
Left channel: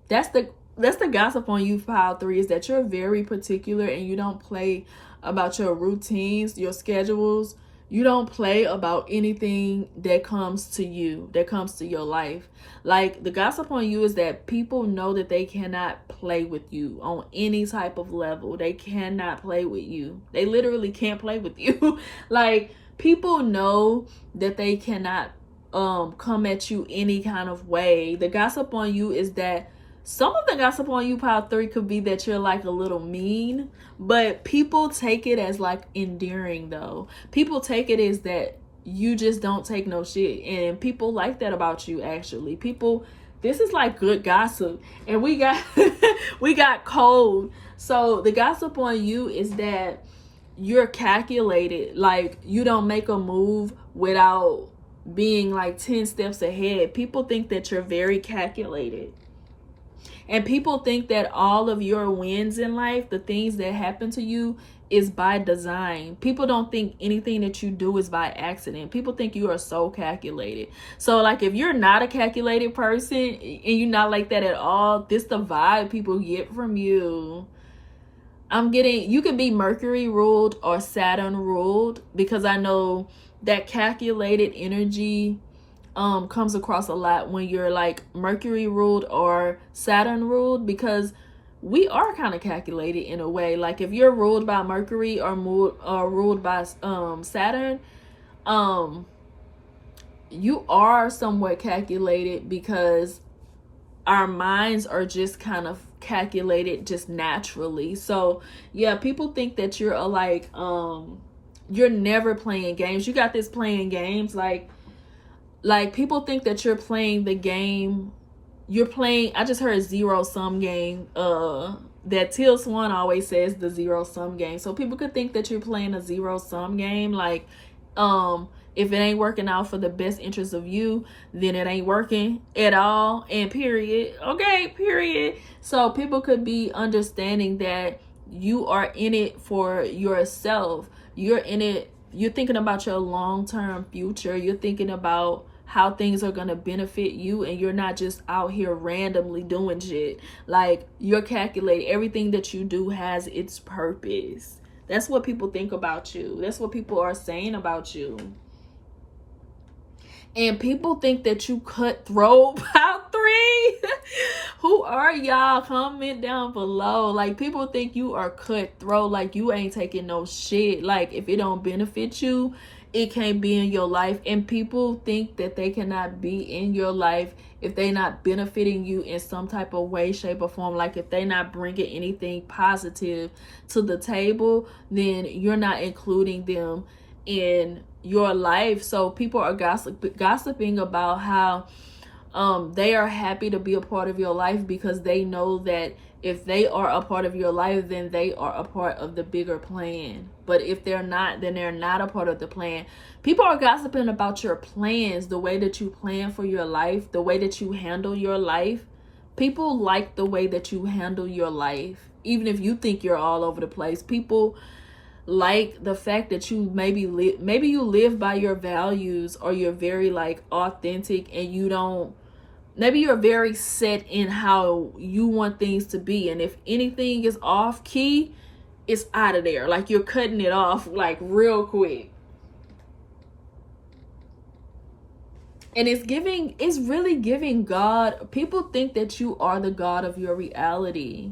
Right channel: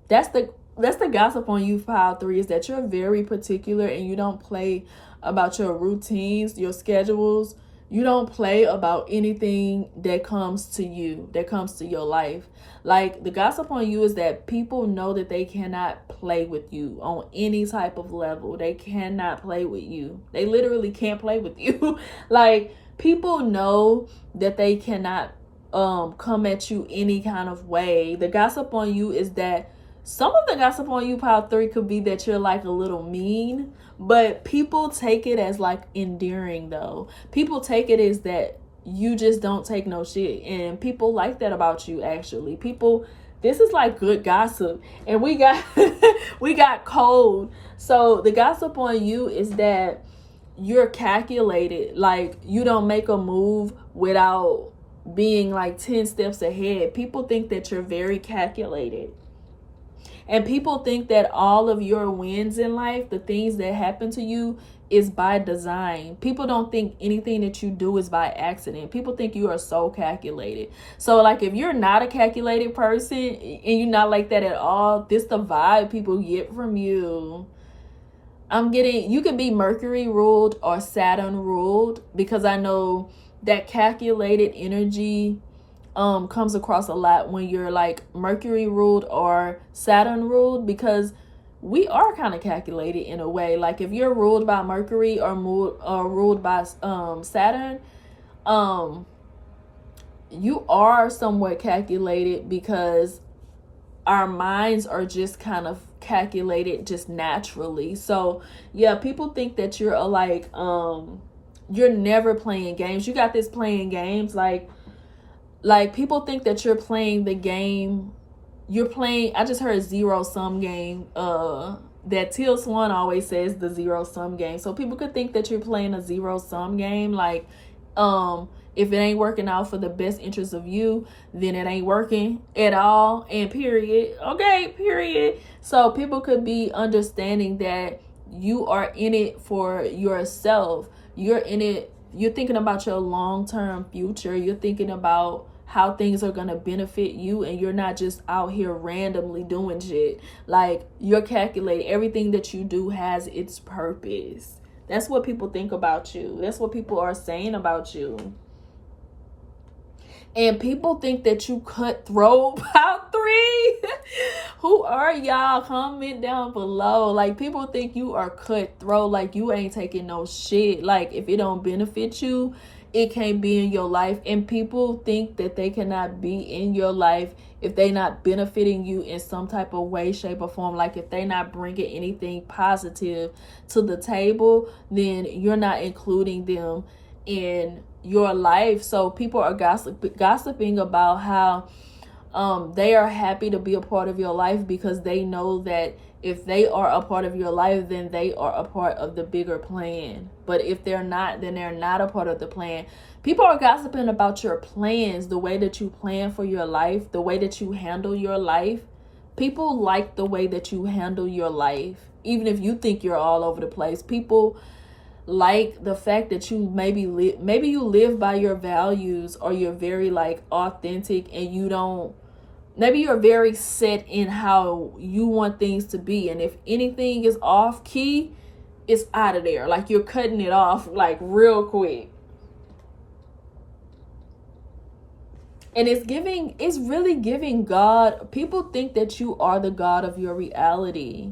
That's the gossip on you, pile 3, is that you're very particular and you don't play about your routines, your schedules. You don't play about anything that comes to you, that comes to your life. Like, the gossip on you is that people know that they cannot play with you on any type of level. They cannot play with you. They literally can't play with you. Like, people know that they cannot come at you any kind of way. The gossip on you is that some of the gossip on you, pile 3, could be that you're like a little mean, but people take it as like endearing though. People take it as that you just don't take no shit, and people like that about you. Actually, people, this is like good gossip. And we got we got cold. So the gossip on you is that you're calculated. Like, you don't make a move without being like 10 steps ahead. People think that you're very calculated, and people think that all of your wins in life, the things that happen to you, is by design. People don't think anything that you do is by accident. People think you are so calculated. So like, if you're not a calculated person and you're not like that at all, this the vibe people get from you. I'm getting, you could be Mercury ruled or Saturn ruled, because I know that calculated energy comes across a lot when you're like Mercury ruled or Saturn ruled, because we are kind of calculated in a way. Like, if you're ruled by Mercury or ruled by Saturn, you are somewhat calculated, because our minds are just kind of calculated just naturally. So yeah, people think that you're a like you're never playing games. You got this playing games, like people think that you're playing the game. You're playing, I just heard a zero-sum game. That Teal Swan always says, the zero-sum game. So people could think that you're playing a zero-sum game. Like, if it ain't working out for the best interest of you, then it ain't working at all. And period. Okay, period. So people could be understanding that you are in it for yourself. You're in it you're thinking about your long-term future. You're thinking about how things are going to benefit you, and you're not just out here randomly doing shit. Like, you're calculating everything that you do has its purpose. That's what people think about you. That's what people are saying about you. And people think that you cutthroat. Pile 3. Who are y'all? Comment down below. Like, people think you are cutthroat. Like, you ain't taking no shit. Like, if it don't benefit you, it can't be in your life. And people think that they cannot be in your life if they not benefiting you in some type of way, shape, or form. Like, if they not bringing anything positive to the table, then you're not including them in your life. So people are gossiping about how they are happy to be a part of your life, because they know that if they are a part of your life, then they are a part of the bigger plan. But if they're not, then they're not a part of the plan. People are gossiping about your plans, the way that you plan for your life, the way that you handle your life. People like the way that you handle your life. Even if you think you're all over the place, people like the fact that you maybe you live by your values, or you're very like authentic, and you don't, maybe you're very set in how you want things to be, and if anything is off key, it's out of there. Like, you're cutting it off like real quick. And it's really giving God. People think that you are the God of your reality.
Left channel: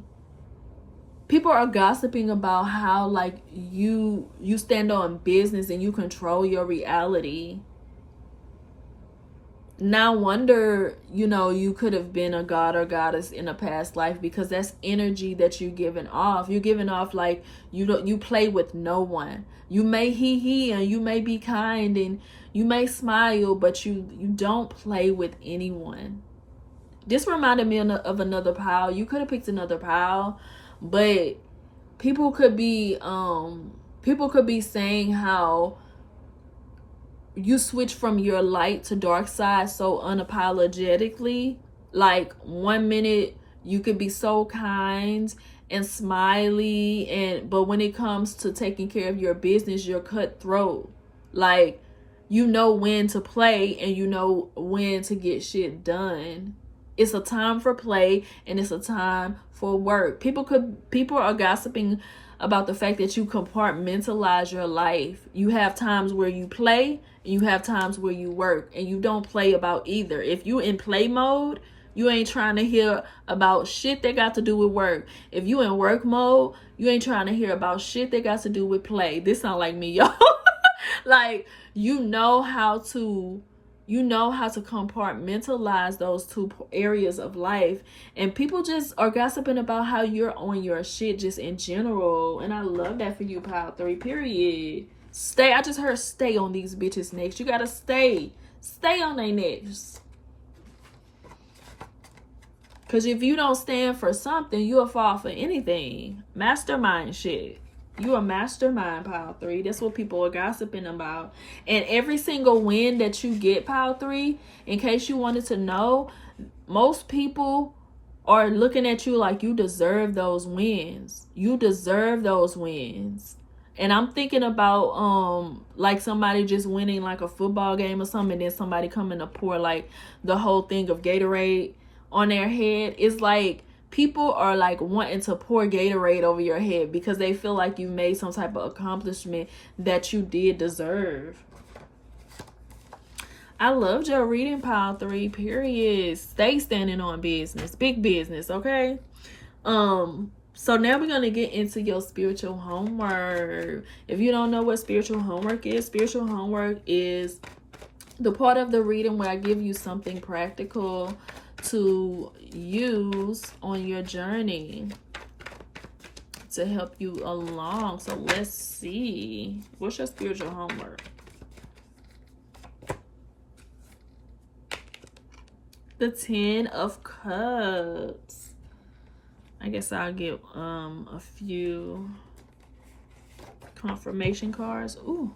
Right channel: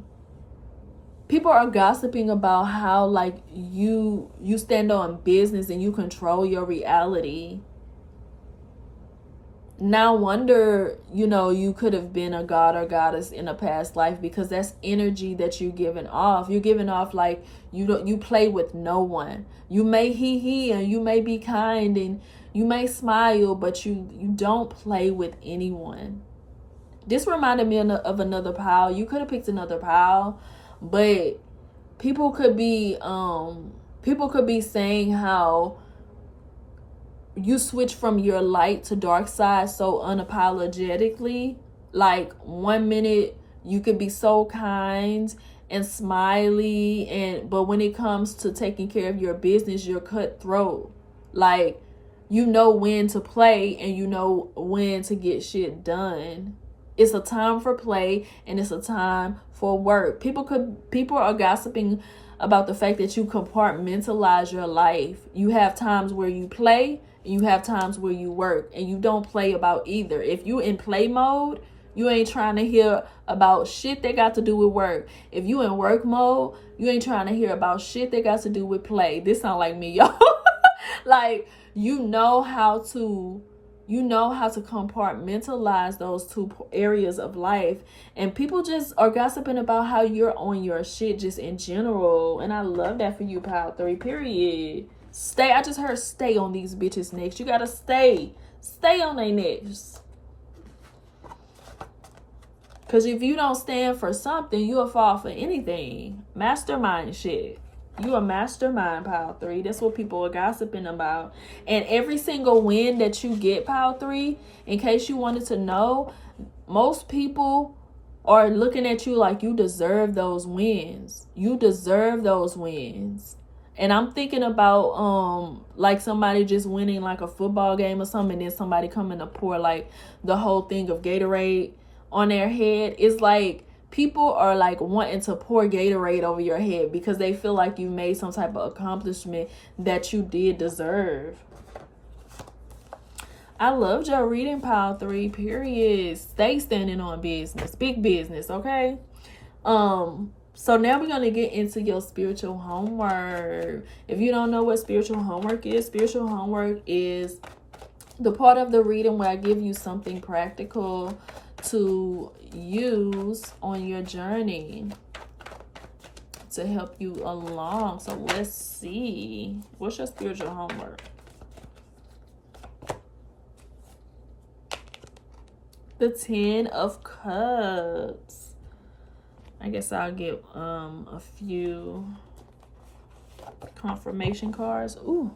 People are gossiping about how like you stand on business and you control your reality. No wonder, you could have been a god or goddess in a past life, because that's energy that you're giving off. You're giving off like you play with no one. You may he and you may be kind and you may smile, but you don't play with anyone. This reminded me of another pile. You could have picked another pile, but people could be saying how you switch from your light to dark side so unapologetically. Like, 1 minute you could be so kind and smiley, but when it comes to taking care of your business, you're cutthroat. Like, you know when to play and you know when to get shit done. It's a time for play and it's a time for work. People are gossiping about the fact that you compartmentalize your life. You have times where you play and you have times where you work, and you don't play about either. If you in play mode, you ain't trying to hear about shit that got to do with work. If you in work mode, you ain't trying to hear about shit that got to do with play. This sound like me, y'all. Like, you know how to compartmentalize those two areas of life. And people just are gossiping about how you're on your shit just in general. And I love that for you, pile 3, period. Stay. I just heard stay on these bitches' necks. You gotta stay on their necks. Because if you don't stand for something, you'll fall for anything. Mastermind shit. You a mastermind, pile 3. That's what people are gossiping about. And every single win that you get, pile 3, in case you wanted to know, most people are looking at you like you deserve those wins. You deserve those wins. And I'm thinking about like somebody just winning like a football game or something, and then somebody coming to pour like the whole thing of Gatorade on their head. It's like people are like wanting to pour Gatorade over your head because they feel like you made some type of accomplishment that you did deserve. I loved your reading, pile 3, period. Stay standing on business. Big business, okay? So now we're going to get into your spiritual homework. If you don't know what spiritual homework is the part of the reading where I give you something practical to use on your journey to help you along. So let's see. What's your spiritual homework? The 10 of Cups. I guess I'll get a few confirmation cards. Ooh.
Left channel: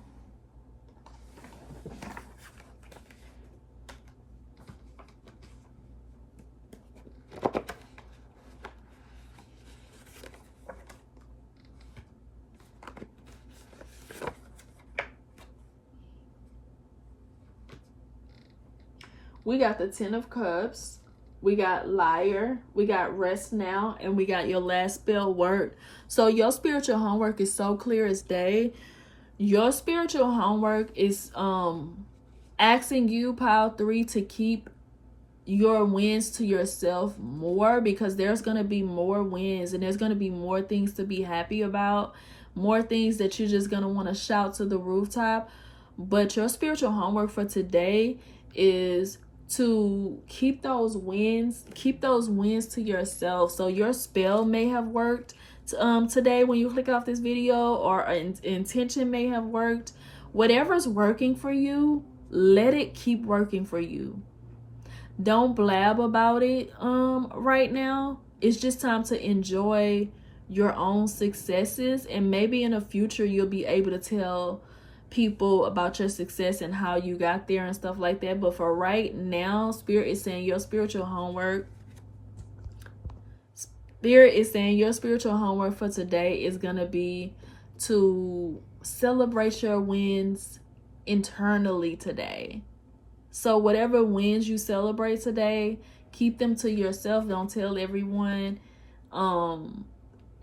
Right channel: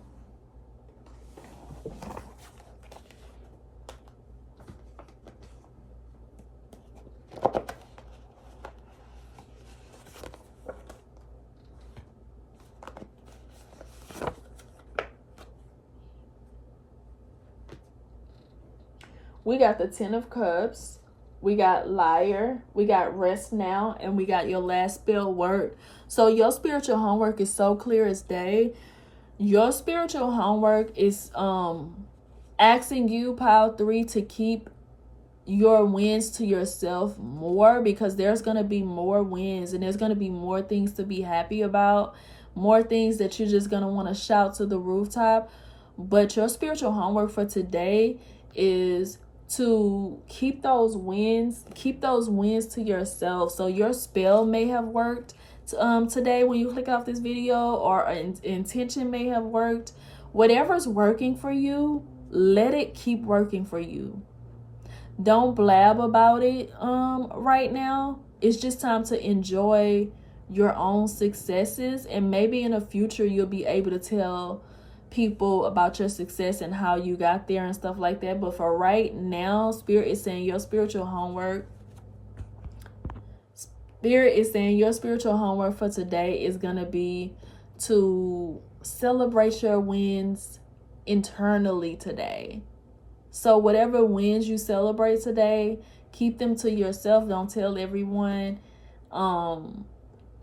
We got the 10 of Cups. We got Liar. We got Rest Now. And we got your last spell, Work. So your spiritual homework is so clear as day. Your spiritual homework is asking you, Pile 3, to keep your wins to yourself more, because there's going to be more wins and there's going to be more things to be happy about, more things that you're just going to want to shout to the rooftop. But your spiritual homework for today is to keep those wins to yourself. So your spell may have worked today when you click off this video, or intention may have worked. Whatever's working for you, let it keep working for you. Don't blab about it right now. It's just time to enjoy your own successes, and maybe in the future you'll be able to tell people about your success and how you got there and stuff like that. But for right now, Spirit is saying your spiritual homework for today is going to be to celebrate your wins internally today. So whatever wins you celebrate today, keep them to yourself. Don't tell everyone.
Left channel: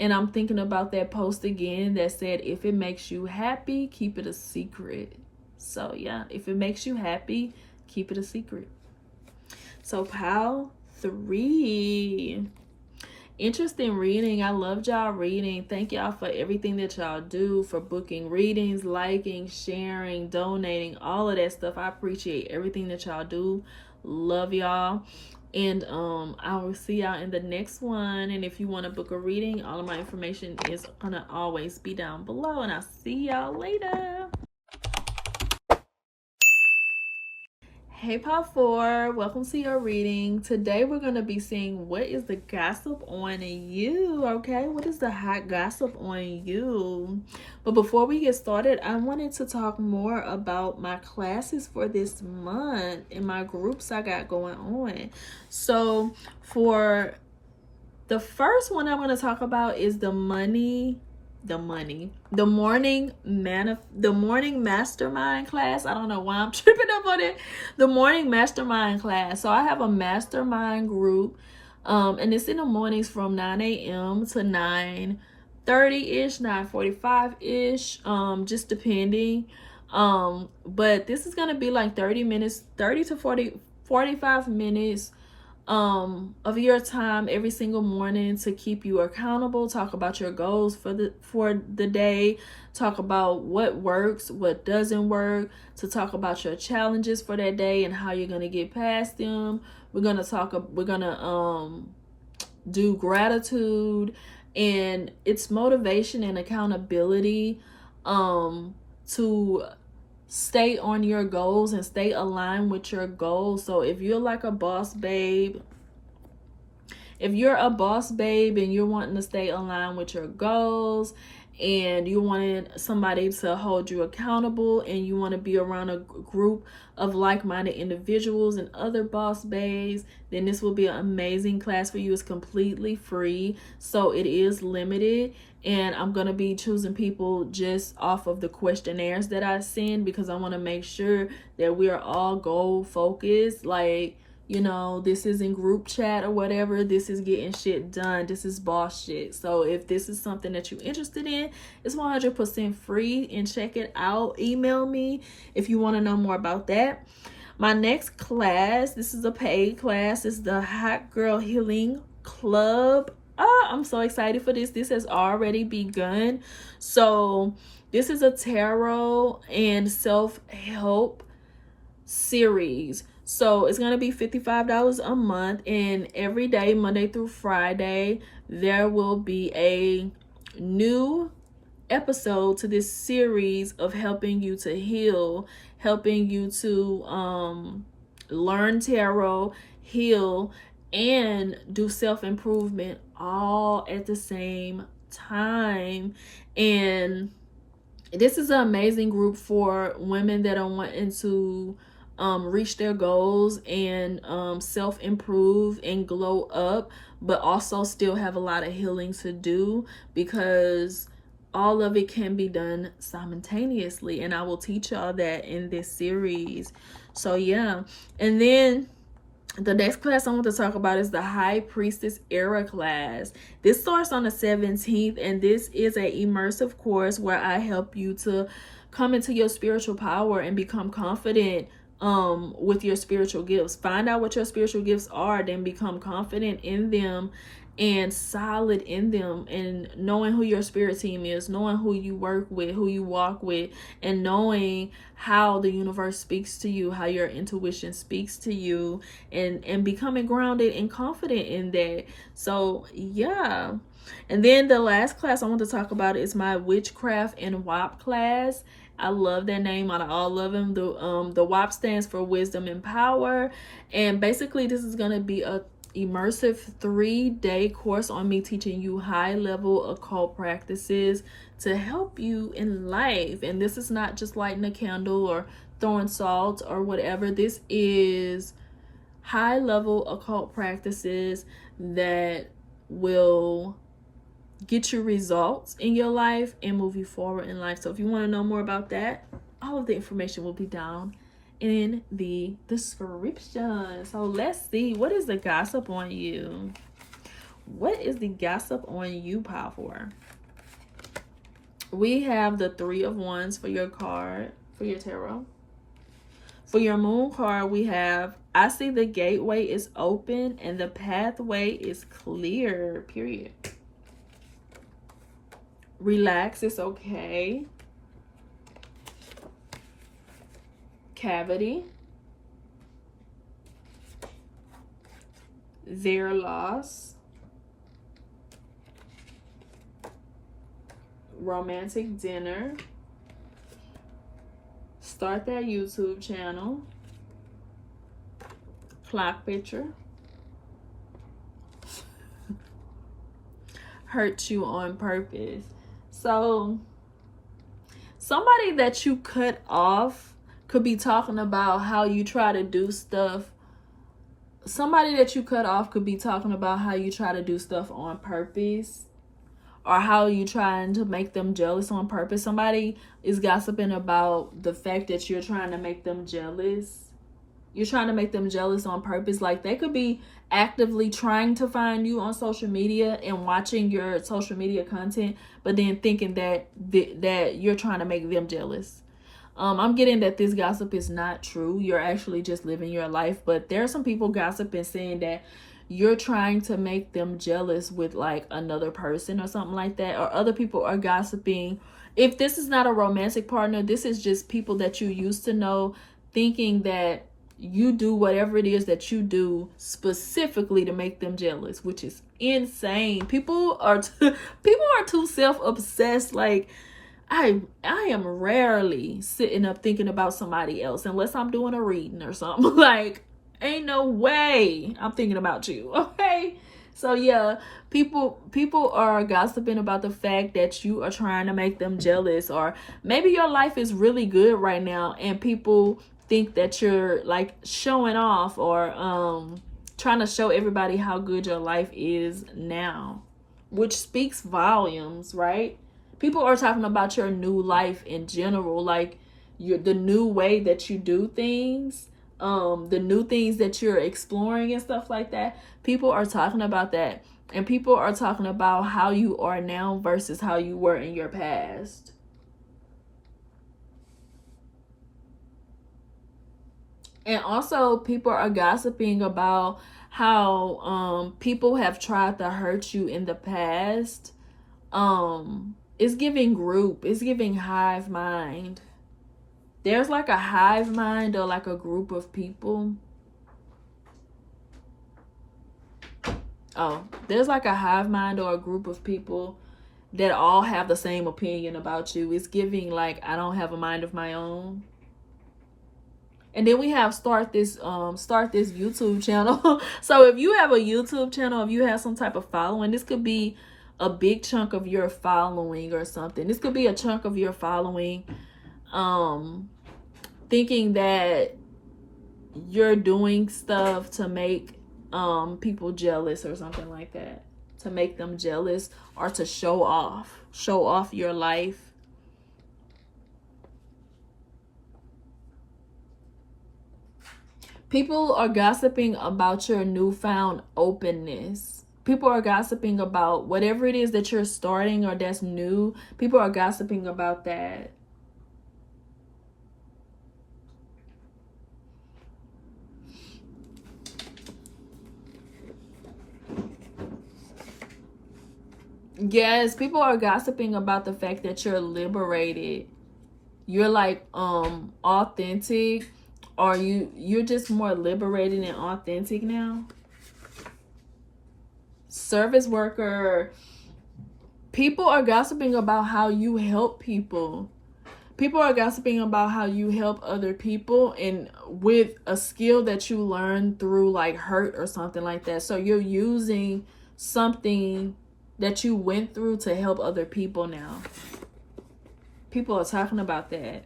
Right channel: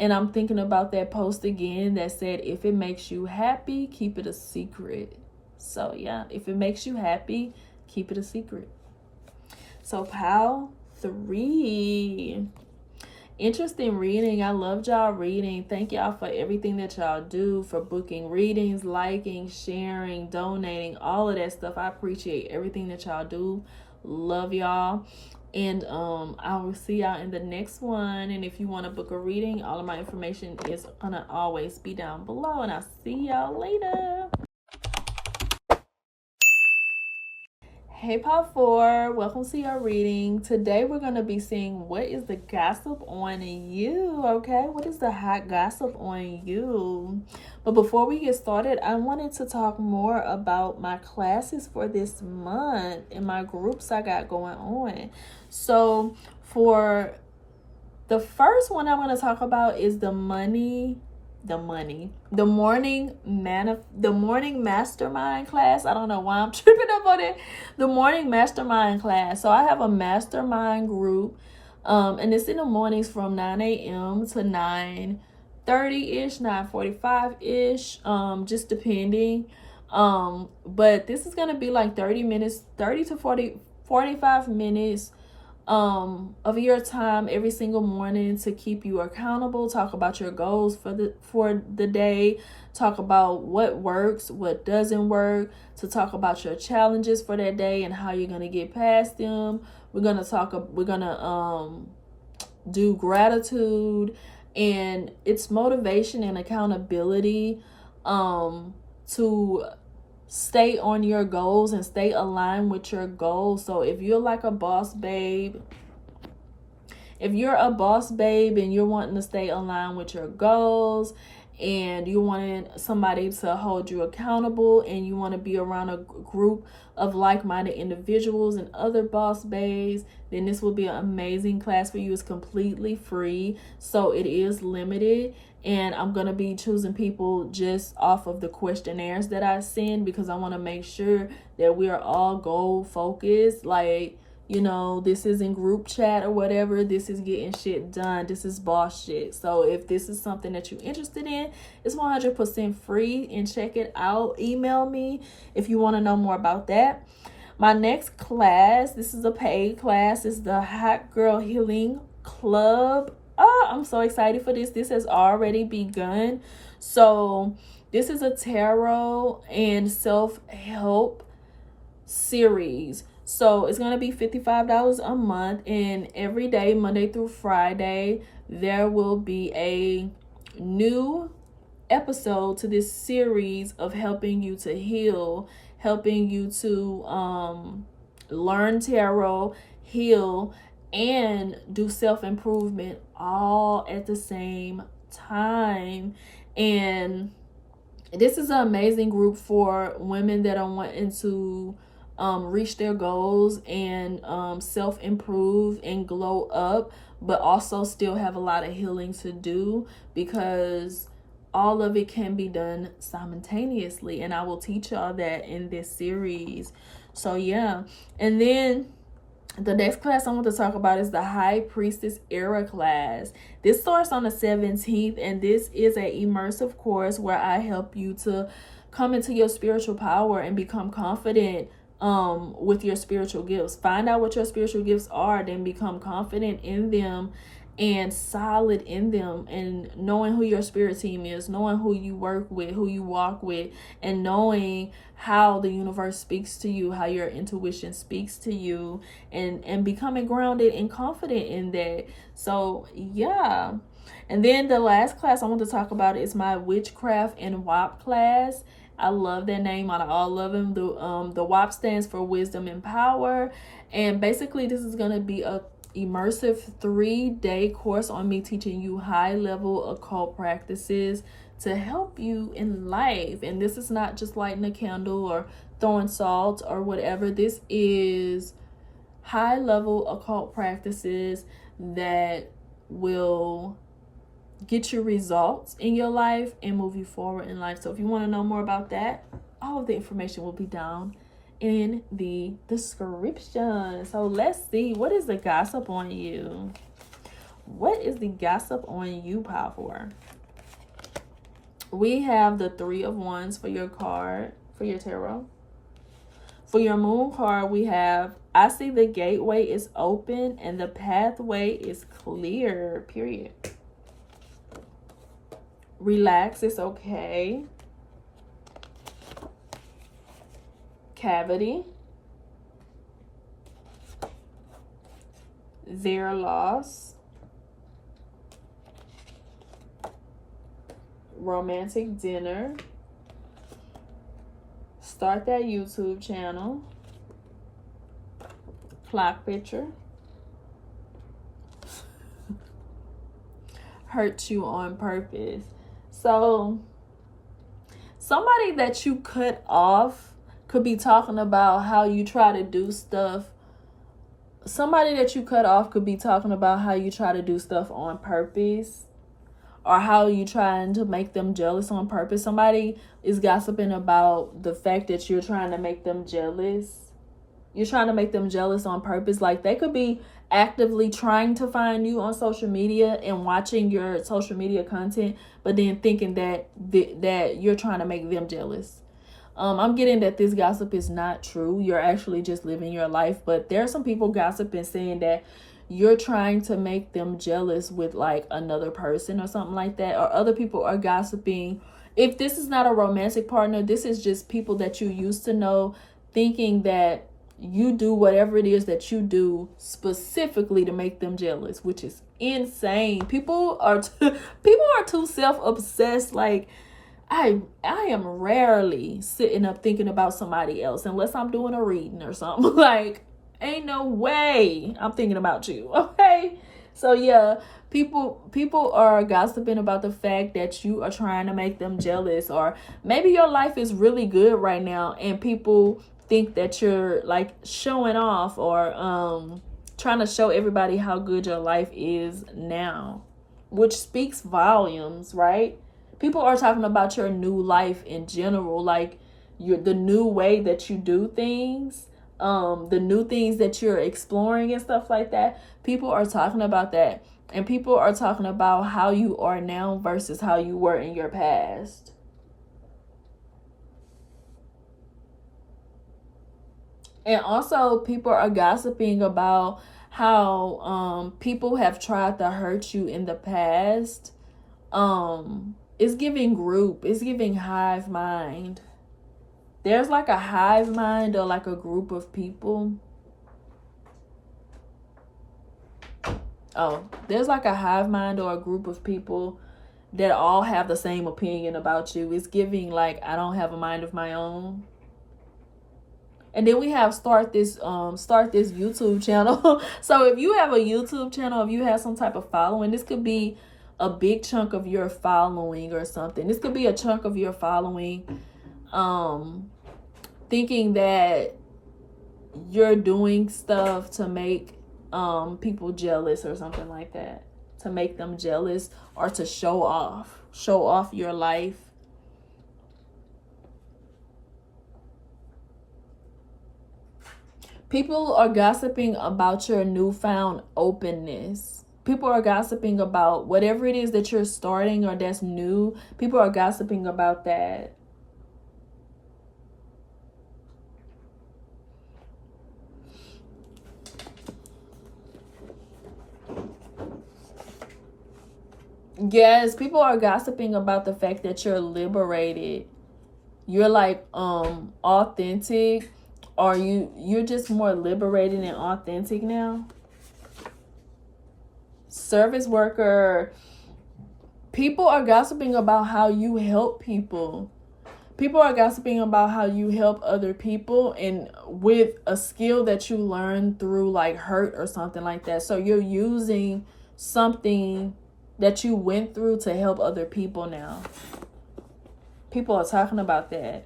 And I'm thinking about that post again that said, if it makes you happy, keep it a secret. So yeah, if it makes you happy, keep it a secret. So Pile 3. Interesting reading. I loved y'all reading. Thank y'all for everything that y'all do, for booking readings, liking, sharing, donating, all of that stuff. I appreciate everything that y'all do. Love y'all. And I will see y'all in the next one. And if you want to book a reading, all of my information is gonna always be down below. And I'll see y'all later. Hey Pile 4, welcome to your reading. Today we're going to be seeing what is the gossip on you, okay? What is the hot gossip on you? But before we get started, I wanted to talk more about my classes for this month and my groups I got going on. So for the first one I'm going to talk about is the morning mastermind class. I don't know why I'm tripping up on it. The morning mastermind class. So I have a mastermind group, and it's in the mornings from 9 a.m. to 9:30-ish, 9:45-ish, just depending. But this is gonna be like 30 to 45 minutes of your time every single morning to keep you accountable, talk about your goals for the day, talk about what works, what doesn't work, to talk about your challenges for that day and how you're going to get past them. We're going to do gratitude, and it's motivation and accountability to stay on your goals and stay aligned with your goals. So if you're like a boss babe, and you're wanting to stay aligned with your goals, and you wanted somebody to hold you accountable, and you want to be around a group of like-minded individuals and other boss babes, then this will be an amazing class for you. It's completely free, so it is limited. And I'm going to be choosing people just off of the questionnaires that I send, because I want to make sure that we are all goal focused. Like, you know, this isn't group chat or whatever. This is getting shit done. This is boss shit. So if this is something that you're interested in, it's 100% free, and check it out. Email me if you want to know more about that. My next class, this is a paid class, is the Hot Girl Healing Club. Oh, I'm so excited for this. This has already begun. So this is a tarot and self-help series. So it's going to be $55 a month, and every day, Monday through Friday, there will be a new episode to this series of helping you to heal, helping you to learn tarot, heal, and do self-improvement all at the same time. And this is an amazing group for women that are wanting to reach their goals and self-improve and glow up, but also still have a lot of healing to do, because all of it can be done simultaneously, and I will teach y'all that in this series. So yeah. And then the next class I want to talk about is the High Priestess Era class. This starts on the 17th, and this is a immersive course where I help you to come into your spiritual power and become confident with your spiritual gifts. Find out what your spiritual gifts are, then become confident in them and solid in them, and knowing who your spirit team is, knowing who you work with, who you walk with, and knowing how the universe speaks to you, how your intuition speaks to you, and becoming grounded and confident in that. So yeah. And then the last class I want to talk about is my Witchcraft and WAP class. I love that name on all of them. The WAP stands for Wisdom and Power, and basically this is going to be a immersive 3-day course on me teaching you high-level occult practices to help you in life. And this is not just lighting a candle or throwing salt or whatever. This is high-level occult practices that will get you results in your life and move you forward in life. So if you want to know more about that, all of the information will be down in the description. So let's see, what is the gossip on you? What is the gossip on you, power? We have the 3 of Wands for your card, for your tarot. For your moon card, we have, I see the gateway is open and the pathway is clear, period. Relax, it's okay. Cavity. Their loss. Romantic dinner. Start that YouTube channel. Clock picture. Hurt you on purpose. So somebody that you cut off could be talking about how you try to do stuff. Somebody that you cut off could be talking about how you try to do stuff on purpose, or how you trying to make them jealous on purpose. Somebody is gossiping about the fact that you're trying to make them jealous. You're trying to make them jealous on purpose. Like, they could be actively trying to find you on social media and watching your social media content, but then thinking that you're trying to make them jealous. I'm getting that this gossip is not true. You're actually just living your life. But there are some people gossiping saying that you're trying to make them jealous with like another person or something like that. Or other people are gossiping. If this is not a romantic partner, this is just people that you used to know, thinking that you do whatever it is that you do specifically to make them jealous, which is insane. People are too self-obsessed. Like, I am rarely sitting up thinking about somebody else unless I'm doing a reading or something. Like, ain't no way I'm thinking about you. Okay? So yeah, people are gossiping about the fact that you are trying to make them jealous, or maybe your life is really good right now and people think that you're like showing off, or trying to show everybody how good your life is now, which speaks volumes, right? People are talking about your new life in general, like the new way that you do things, the new things that you're exploring and stuff like that. People are talking about that, and people are talking about how you are now versus how you were in your past. And also people are gossiping about how people have tried to hurt you in the past. It's giving group. It's giving hive mind. There's like a hive mind or like a group of people. Oh, there's like a hive mind or a group of people that all have the same opinion about you. It's giving like, I don't have a mind of my own. And then we have start this YouTube channel. So if you have a YouTube channel, if you have some type of following, this could be a big chunk of your following or something. This could be a chunk of your following thinking that you're doing stuff to make people jealous or something like that, to make them jealous, or to show off your life. People are gossiping about your newfound openness. People are gossiping about whatever it is that you're starting or that's new. People are gossiping about that. Yes, people are gossiping about the fact that you're liberated. You're like authentic, or you're just more liberated and authentic now. Service worker. People are gossiping about how you help people. People are gossiping about how you help other people and with a skill that you learned through like hurt or something like that. So you're using something that you went through to help other people now. People are talking about that.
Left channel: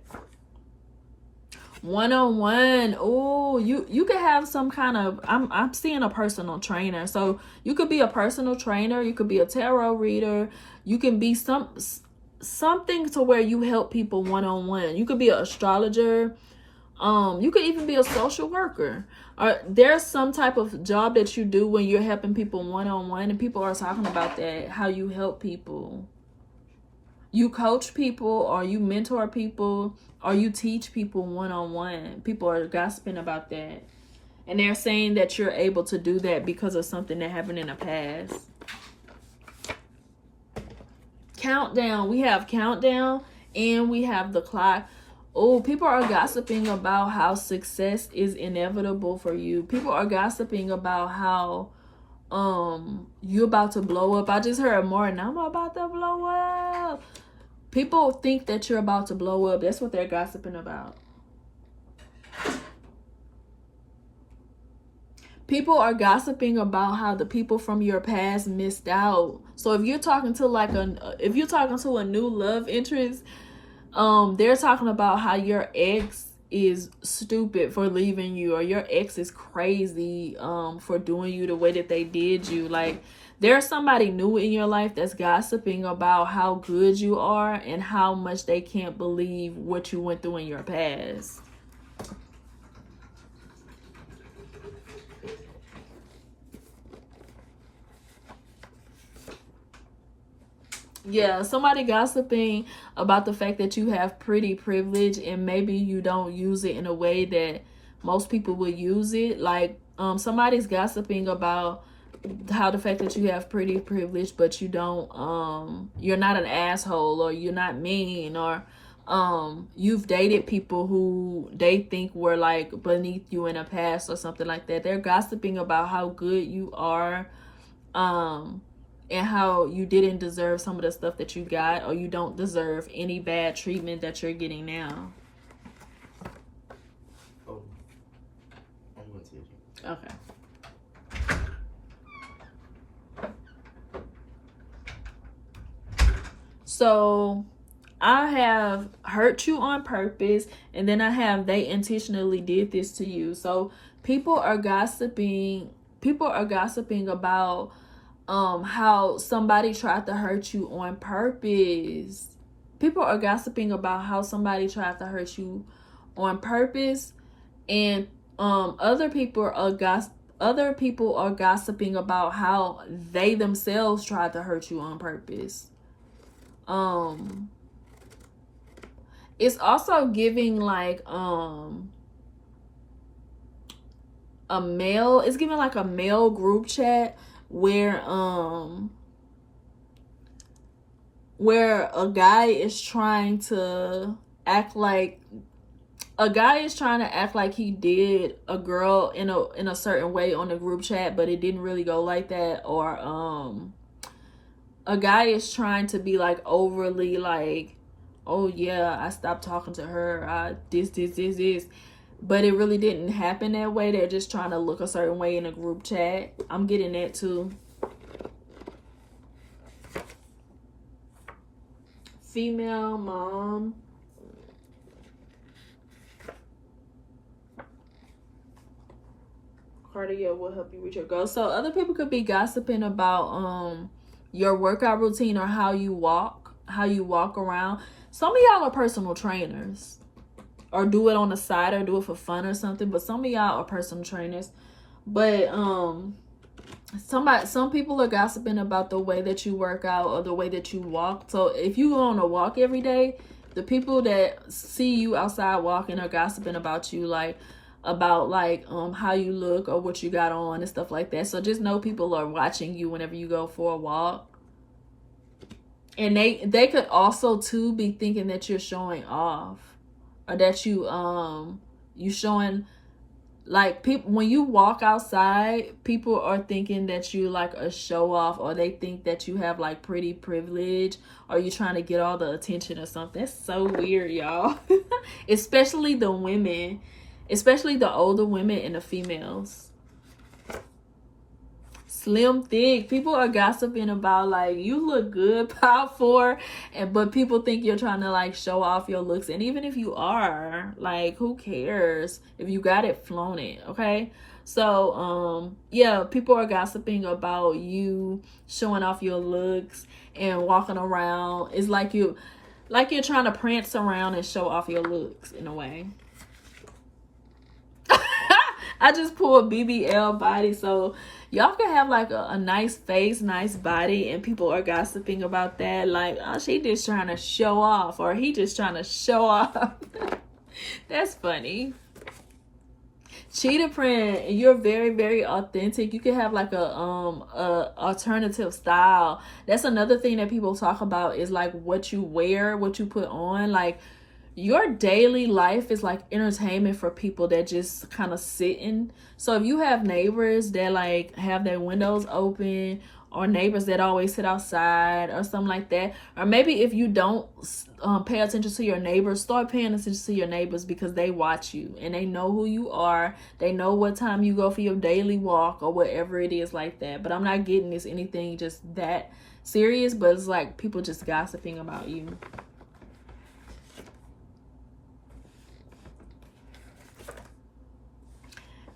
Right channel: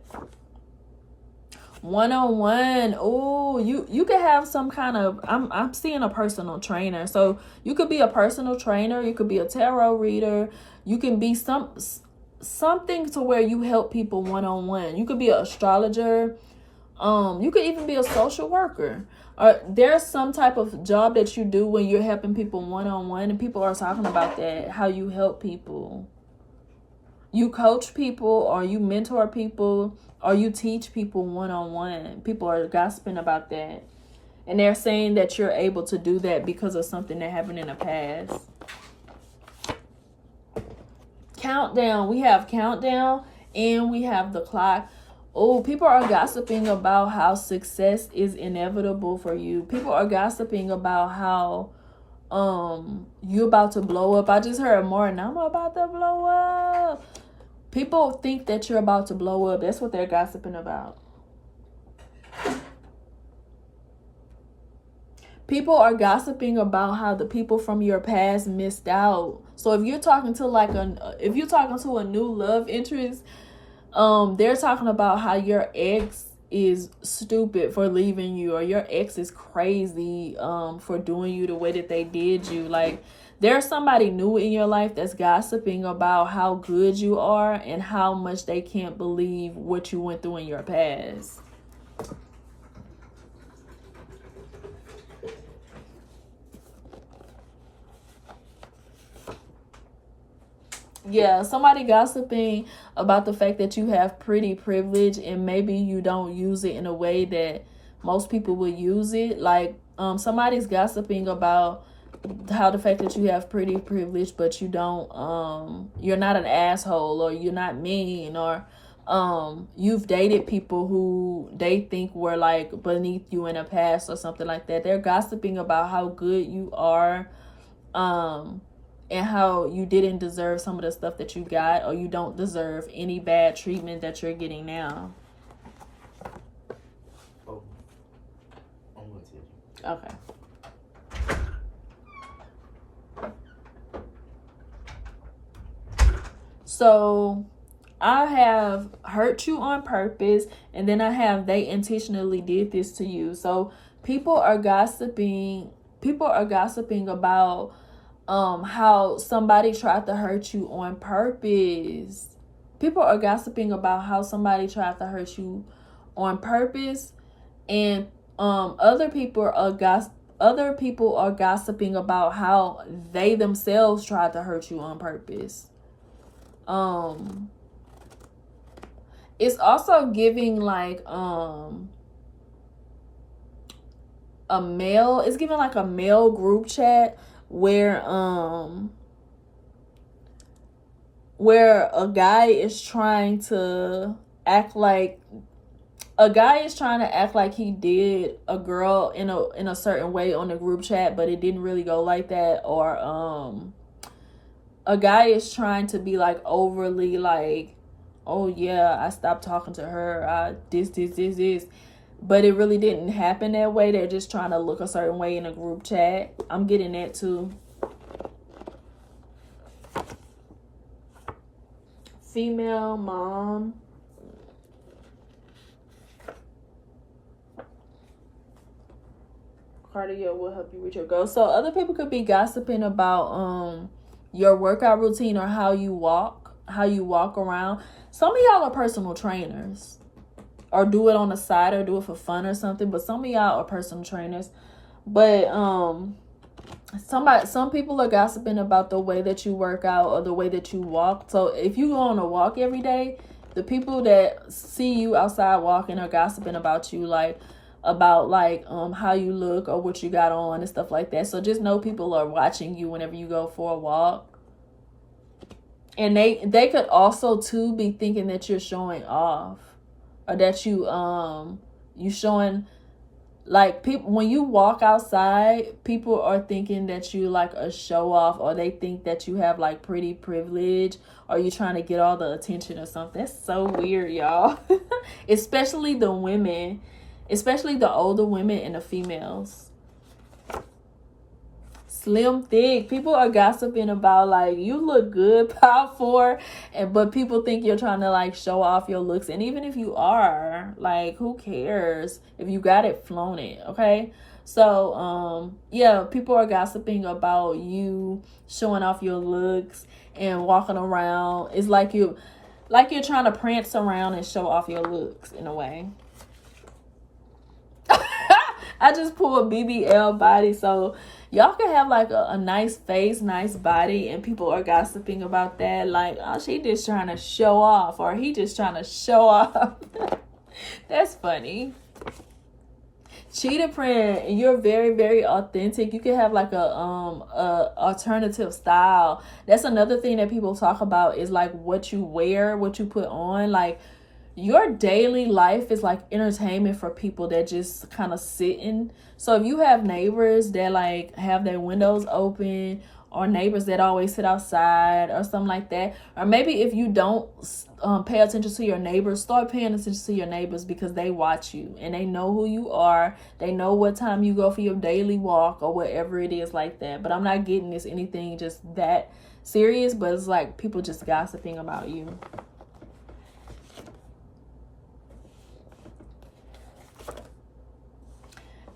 One-on-one. Oh, you could have some kind of, I'm seeing a personal trainer. So you could be a personal trainer, you could be a tarot reader, you can be something to where you help people one-on-one. You could be an astrologer. You could even be a social worker. Or there's some type of job that you do when you're helping people one-on-one, and people are talking about that, how you help people. You coach people, or you mentor people, or you teach people one-on-one. People are gossiping about that. And they're saying that you're able to do that because of something that happened in the past. Countdown. We have countdown and we have the clock. Oh, people are gossiping about how success is inevitable for you. People are gossiping about how you're about to blow up. I just heard more, and I'm about to blow up. People think that you're about to blow up. That's what they're gossiping about. People are gossiping about how the people from your past missed out. So if you're talking to a new love interest, they're talking about how your ex is stupid for leaving you, or your ex is crazy for doing you the way that they did you. Like, there's somebody new in your life that's gossiping about how good you are and how much they can't believe what you went through in your past. Yeah, somebody gossiping about the fact that you have pretty privilege and maybe you don't use it in a way that most people would use it. Like, somebody's gossiping about how the fact that you have pretty privilege, but you don't, you're not an asshole, or you're not mean, or you've dated people who they think were like beneath you in the past or something like that. They're gossiping about how good you are, and how you didn't deserve some of the stuff that you got, or you don't deserve any bad treatment that you're getting now. Oh, I'm going to take Okay. So I have hurt you on purpose, and then I have they intentionally did this to you. So people are gossiping about how somebody tried to hurt you on purpose. People are gossiping about how somebody tried to hurt you on purpose, and other people are gossiping about how they themselves tried to hurt you on purpose. It's also giving like it's giving like a male group chat where a guy is trying to act like he did a girl in a certain way on the group chat, but it didn't really go like that. Or a guy is trying to be like overly like, oh yeah, I stopped talking to her, this, but it really didn't happen that way. They're just trying to look a certain way in a group chat. I'm getting that too. Female mom. Cardio will help you reach your goals. So other people could be gossiping about your workout routine, or how you walk around. Some of y'all are personal trainers. or do it on the side or do it for fun or something. But some of y'all are personal trainers. But some people are gossiping about the way that you work out or the way that you walk. So if you go on a walk every day, the people that see you outside walking are gossiping about you, like about how you look or what you got on and stuff like that. So just know people are watching you whenever you go for a walk. And they could also too be thinking that you're showing off, or that you showing, like, people when you walk outside, people are thinking that you like a show off, or they think that you have like pretty privilege, or you're trying to get all the attention or something. It's so weird, y'all. Especially the women, especially the older women and the females. Slim thick, people are gossiping about, like, you look good, power 4, but people think you're trying to like show off your looks. And even if you are, like, who cares? If you got it, flown it. Okay, so yeah, people are gossiping about you showing off your looks and walking around. It's like you're trying to prance around and show off your looks in a way. I just pulled BBL body, so y'all can have like a nice face, nice body, and people are gossiping about that. Like, oh, she just trying to show off, or he just trying to show off. That's funny. Cheetah print, you're very, very authentic. You can have like a alternative style. That's another thing that people talk about, is like what you wear, what you put on. Like, your daily life is like entertainment for people that just kind of sitting. So if you have neighbors that like have their windows open, or neighbors that always sit outside or something like that, or maybe if you don't pay attention to your neighbors, start paying attention to your neighbors, because they watch you and they know who you are. They know what time you go for your daily walk or whatever it is like that. But I'm not getting this anything just that serious, but it's like people just gossiping about you.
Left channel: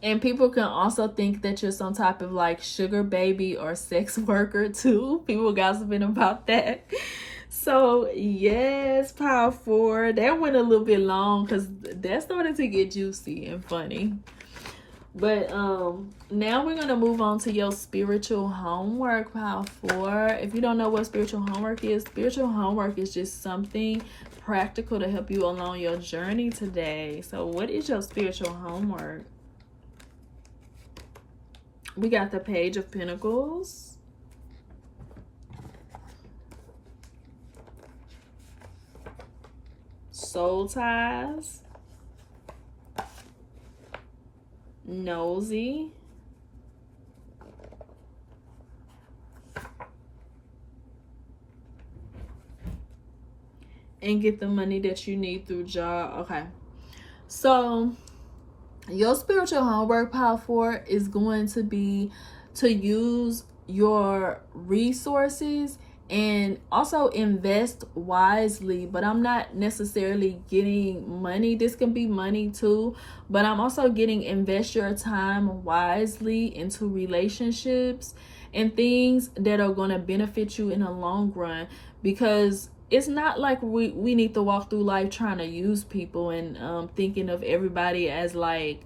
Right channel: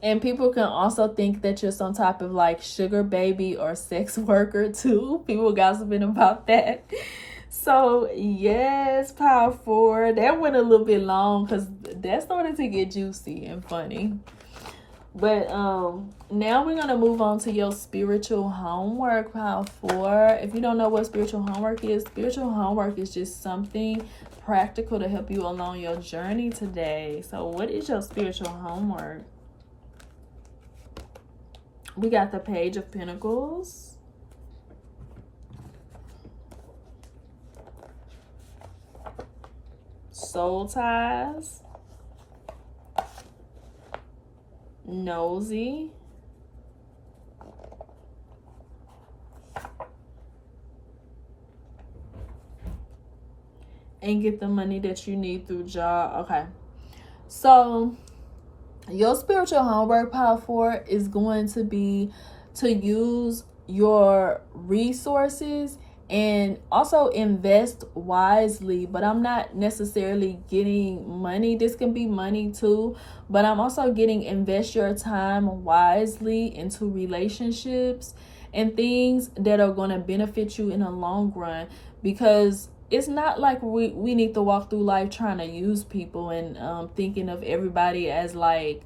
And people can also think that you're some type of like sugar baby or sex worker too. People gossiping about that. So yes, power 4. That went a little bit long because that started to get juicy and funny. But now we're gonna move on to your spiritual homework, power 4. If you don't know what spiritual homework is just something practical to help you along your journey today. So what is your spiritual homework? We got the Page of Pentacles, Soul Ties, Nosy, and get the money that you need through job. Okay, so your spiritual homework, power 4, is going to be to use your resources and also invest wisely. But I'm not necessarily getting money. This can be money too, but I'm also getting invest your time wisely into relationships and things that are going to benefit you in the long run. Because it's not like we need to walk through life trying to use people and thinking of everybody as like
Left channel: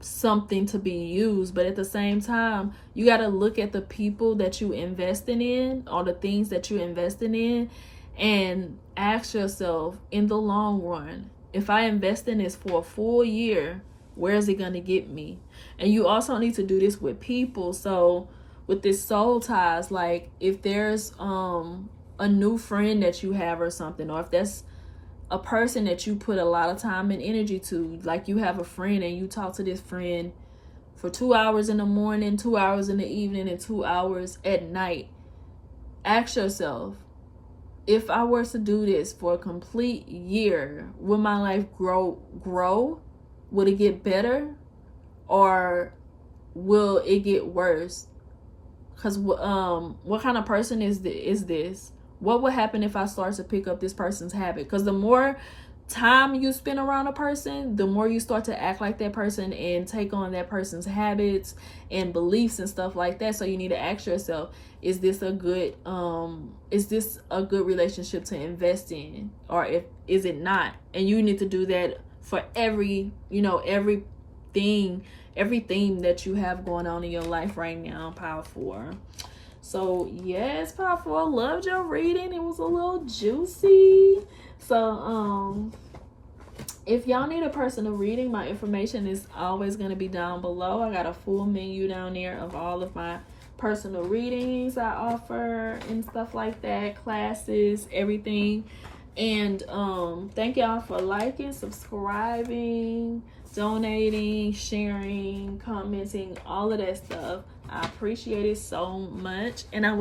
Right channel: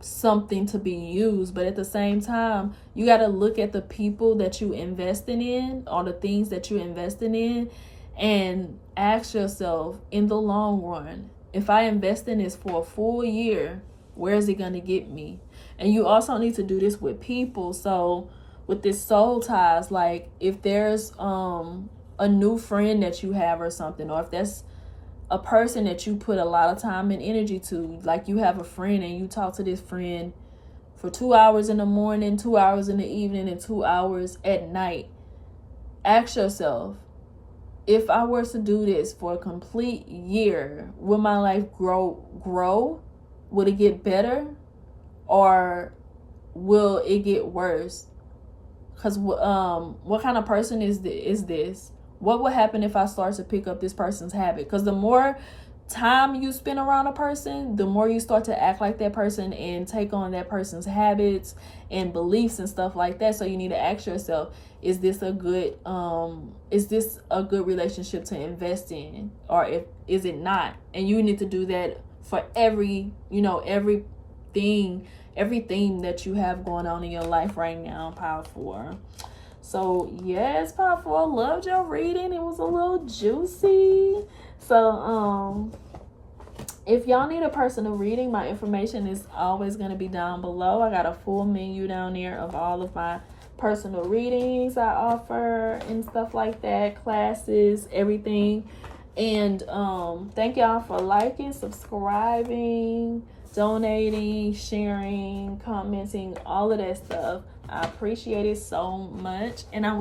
something to be used. But at the same time, you got to look at the people that you investing in, or the things that you're investing in, and ask yourself, in the long run, if I invest in this for a full year, where is it going to get me? And you also need to do this with people. So with this soul ties, like if there's a new friend that you have or something, or if that's a person that you put a lot of time and energy to, like you have a friend and you talk to this friend for 2 hours in the morning, 2 hours in the evening, and 2 hours at night. Ask yourself, if I were to do this for a complete year, will my life grow? Will it get better? Or will it get worse? Because what kind of person is this? What would happen if I start to pick up this person's habit? Because the more time you spend around a person, the more you start to act like that person and take on that person's habits and beliefs and stuff like that. So you need to ask yourself, is this a good relationship to invest in, or is it not? And you need to do that for every everything that you have going on in your life right now, Power 4. So yes, Power 4, loved your reading. It was a little juicy. So if y'all need a personal reading, my information is always going to be down below. I got a full menu down there of all of my personal readings I offer and stuff like that, classes, everything. And thank y'all for liking, subscribing, donating, sharing, commenting, all of that stuff. I appreciate it so much. And I